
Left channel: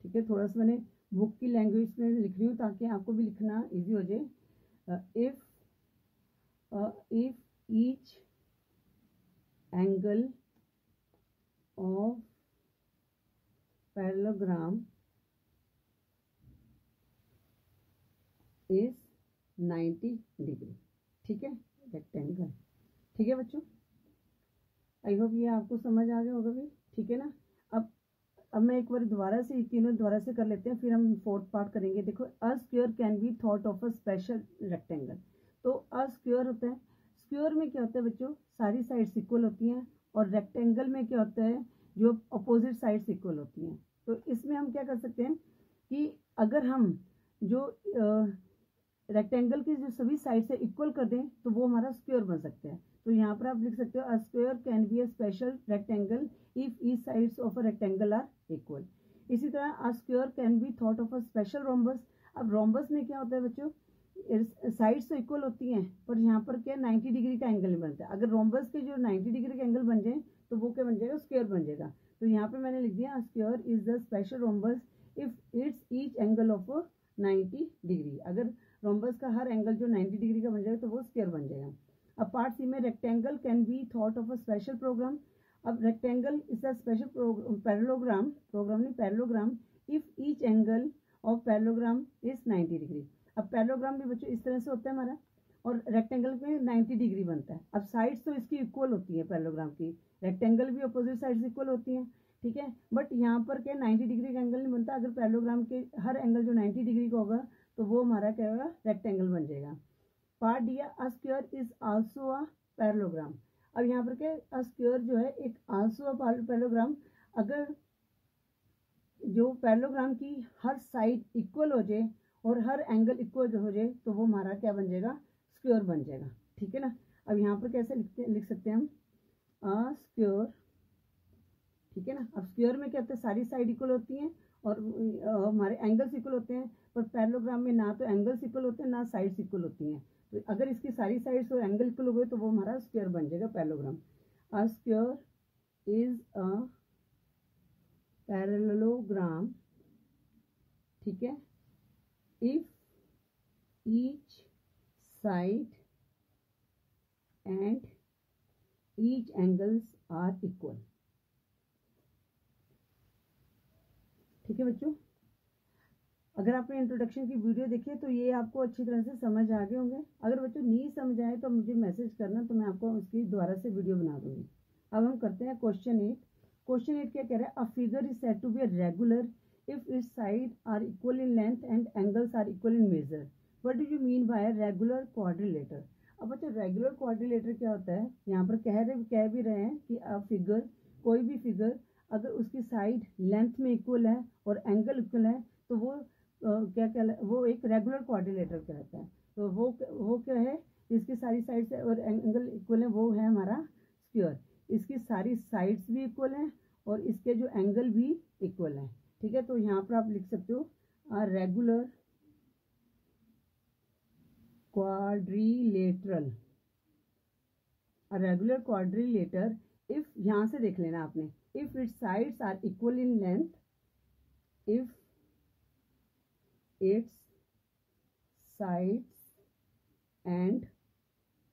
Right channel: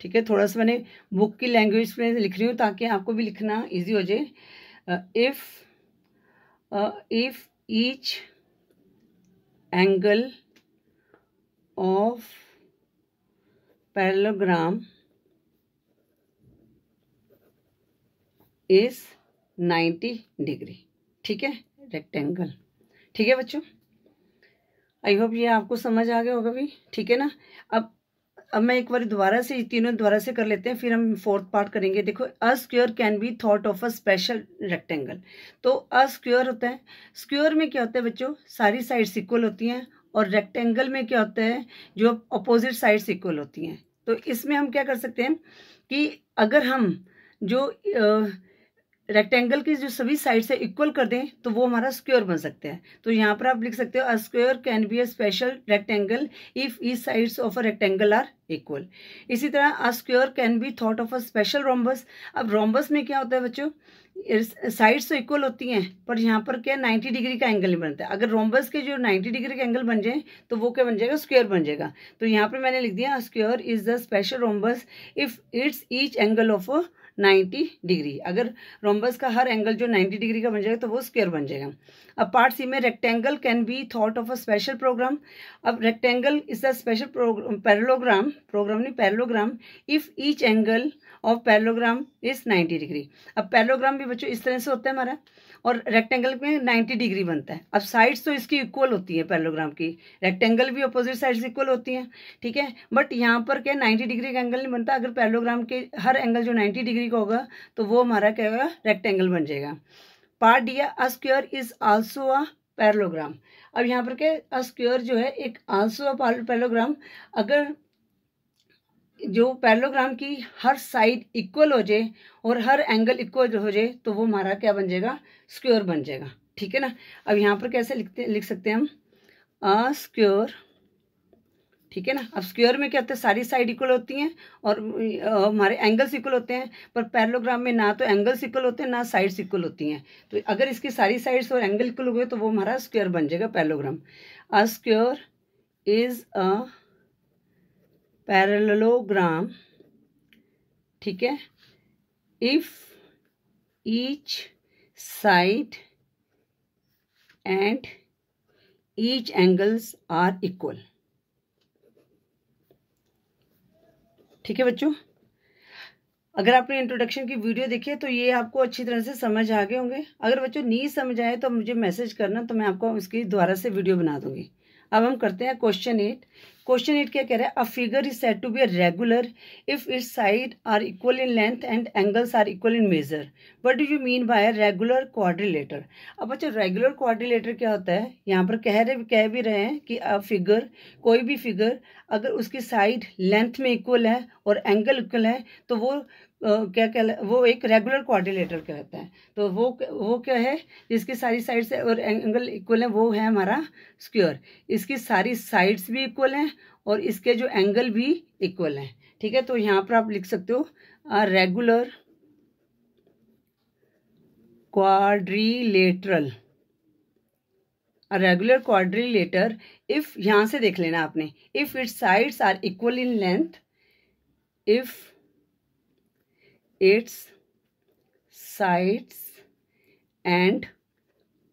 ठीक है, थोड़ा सा मैंने बुक की लैंग्वेज में लिख रही हूँ ताकि आपको भी लिखना इजी हो जाए। If each angle of parallelogram is 90 degree. ठीक है, रेक्टेंगल। ठीक है बच्चों, आई होप ये आपको समझ आ गया होगा भी। ठीक है ना। अब मैं एक बार दोबारा से तीनों दोबारा से कर लेते हैं, फिर हम फोर्थ पार्ट करेंगे। देखो, अ square can be thought of a special rectangle. तो अ स्क्वायर होता है, स्क्वायर में क्या होता है बच्चों, सारी साइड्स इक्वल होती हैं, और रेक्टेंगल में क्या होता है, जो अपोजिट साइड्स इक्वल होती हैं। तो इसमें हम क्या कर सकते हैं कि अगर हम जो रेक्टेंगल की जो सभी साइड से इक्वल कर दें तो वो हमारा स्क्वायर बन सकता है। तो यहाँ पर आप लिख सकते हो, a square can be a special rectangle if each sides of a rectangle are equal. इसी तरह a square can be thought of a special rhombus. अब रोम्बस में क्या होता है बच्चों, साइड्स तो इक्वल होती हैं पर यहाँ पर क्या 90 डिग्री का एंगल नहीं बनता है। अगर रोम्बस के जो 90 डिग्री का एंगल बन जाए तो वो क्या बन जाएगा, स्क्वायर बन जाएगा। तो यहाँ पर मैंने लिख दिया, square is the special rhombus if it's each angle of 90 degree. अगर रोम्बस का हर एंगल जो 90 डिग्री का बन जाएगा तो वो स्क्वायर बन जाएगा। अब पार्ट सी में, rectangle can be thought of a special program. अब rectangle is a special parallelogram if each angle of parallelogram is 90 degree. अब पैरेललोग्राम भी बच्चों इस तरह से होता है हमारा, और रेक्टेंगल में 90 डिग्री बनता है। अब साइड्स तो इसकी इक्वल होती है पैरेललोग्राम की, रेक्टेंगल भी अपोजिट साइड्स इक्वल होती हैं। ठीक है, बट यहाँ पर क्या 90 डिग्री का एंगल नहीं बनता। अगर पैरेललोग्राम के हर एंगल जो 90 डिग्री का होगा तो वो हमारा क्या होगा, रेक्टेंगल बन जाएगा। Part D, a square is also a parallelogram. अब यहाँ पर क्या, अ स्क्वायर जो है एक आल्सो अ पैरेललोग्राम। अगर जो पैरेललोग्राम की हर साइड इक्वल हो जाए और हर एंगल इक्वल हो जाए तो वो हमारा क्या बन जाएगा, स्क्वायर बन जाएगा। ठीक है ना। अब यहाँ पर कैसे लिख सकते हैं हम, अ स्क्वायर। ठीक है ना। अब स्क्वायर में क्या होता है, सारी साइड इक्वल होती हैं और हमारे एंगल्स इक्वल होते हैं, पर पैरेललोग्राम में ना तो एंगल्स इक्वल होते हैं ना साइड्स इक्वल होती हैं। तो अगर इसकी सारी साइड्स और एंगल इक्वल हो गए तो वो हमारा स्क्वायर बन जाएगा, parallelogram. A square is a parallelogram. ठीक है, if each side and each angles are equal. ठीक है बच्चों, अगर आपने इंट्रोडक्शन की वीडियो देखी है तो ये आपको अच्छी तरह से समझ आ गए होंगे। अगर बच्चों नहीं समझ आए तो मुझे मैसेज करना, तो मैं आपको इसकी दोबारा से वीडियो बना दूंगी। अब हम करते हैं क्वेश्चन 8। क्वेश्चन 8 क्या कह रहा है? A figure is said to be a regular if its side are equal in length and angles are equal in measure. What do you mean by regular quadrilateral? अब बच्चों रेगुलर क्वाड्रिलेटर क्या होता है? यहाँ पर कह भी रहे हैं कि अ फिगर, कोई भी फिगर अगर उसकी साइड लेंथ में इक्वल है और एंगल इक्वल है तो वो वो एक रेगुलर क्वाड्रिलेटर कहता है। तो वो क्या है? जिसकी सारी साइड से और एंगल इक्वल है वो है हमारा स्क्वायर। इसकी सारी साइड्स भी इक्वल हैं और इसके जो एंगल भी इक्वल हैं। ठीक है, तो यहाँ पर आप लिख सकते हो regular quadrilateral. Regular quadrilateral if, यहां से देख लेना आपने, if its sides are equal in length, if its sides and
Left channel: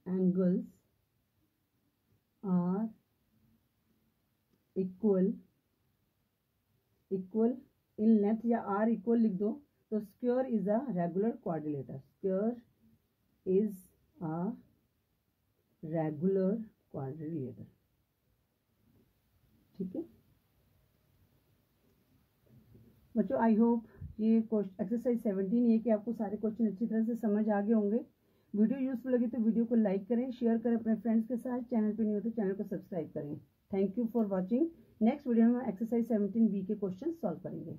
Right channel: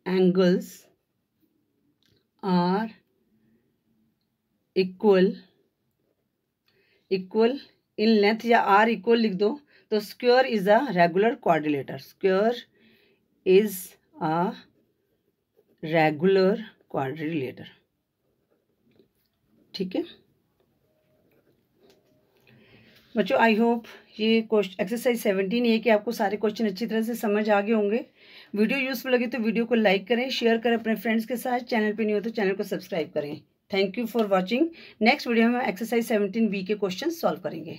angles are equal in length, या आर इक्वल लिख दो तो square is a regular quadrilateral. Square is a regular quadrilateral. ठीक है बच्चों, आई होप ये क्वेश्चन एक्सरसाइज 17 ये कि आपको सारे क्वेश्चन अच्छी तरह से समझ आ गए होंगे। वीडियो यूजफुल लगी तो वीडियो को लाइक करें, शेयर करें अपने फ्रेंड्स के साथ। चैनल पे नहीं हो तो चैनल को सब्सक्राइब करें। Thank you for watching. Next video में एक्सरसाइज 17 बी के क्वेश्चन सॉल्व करेंगे।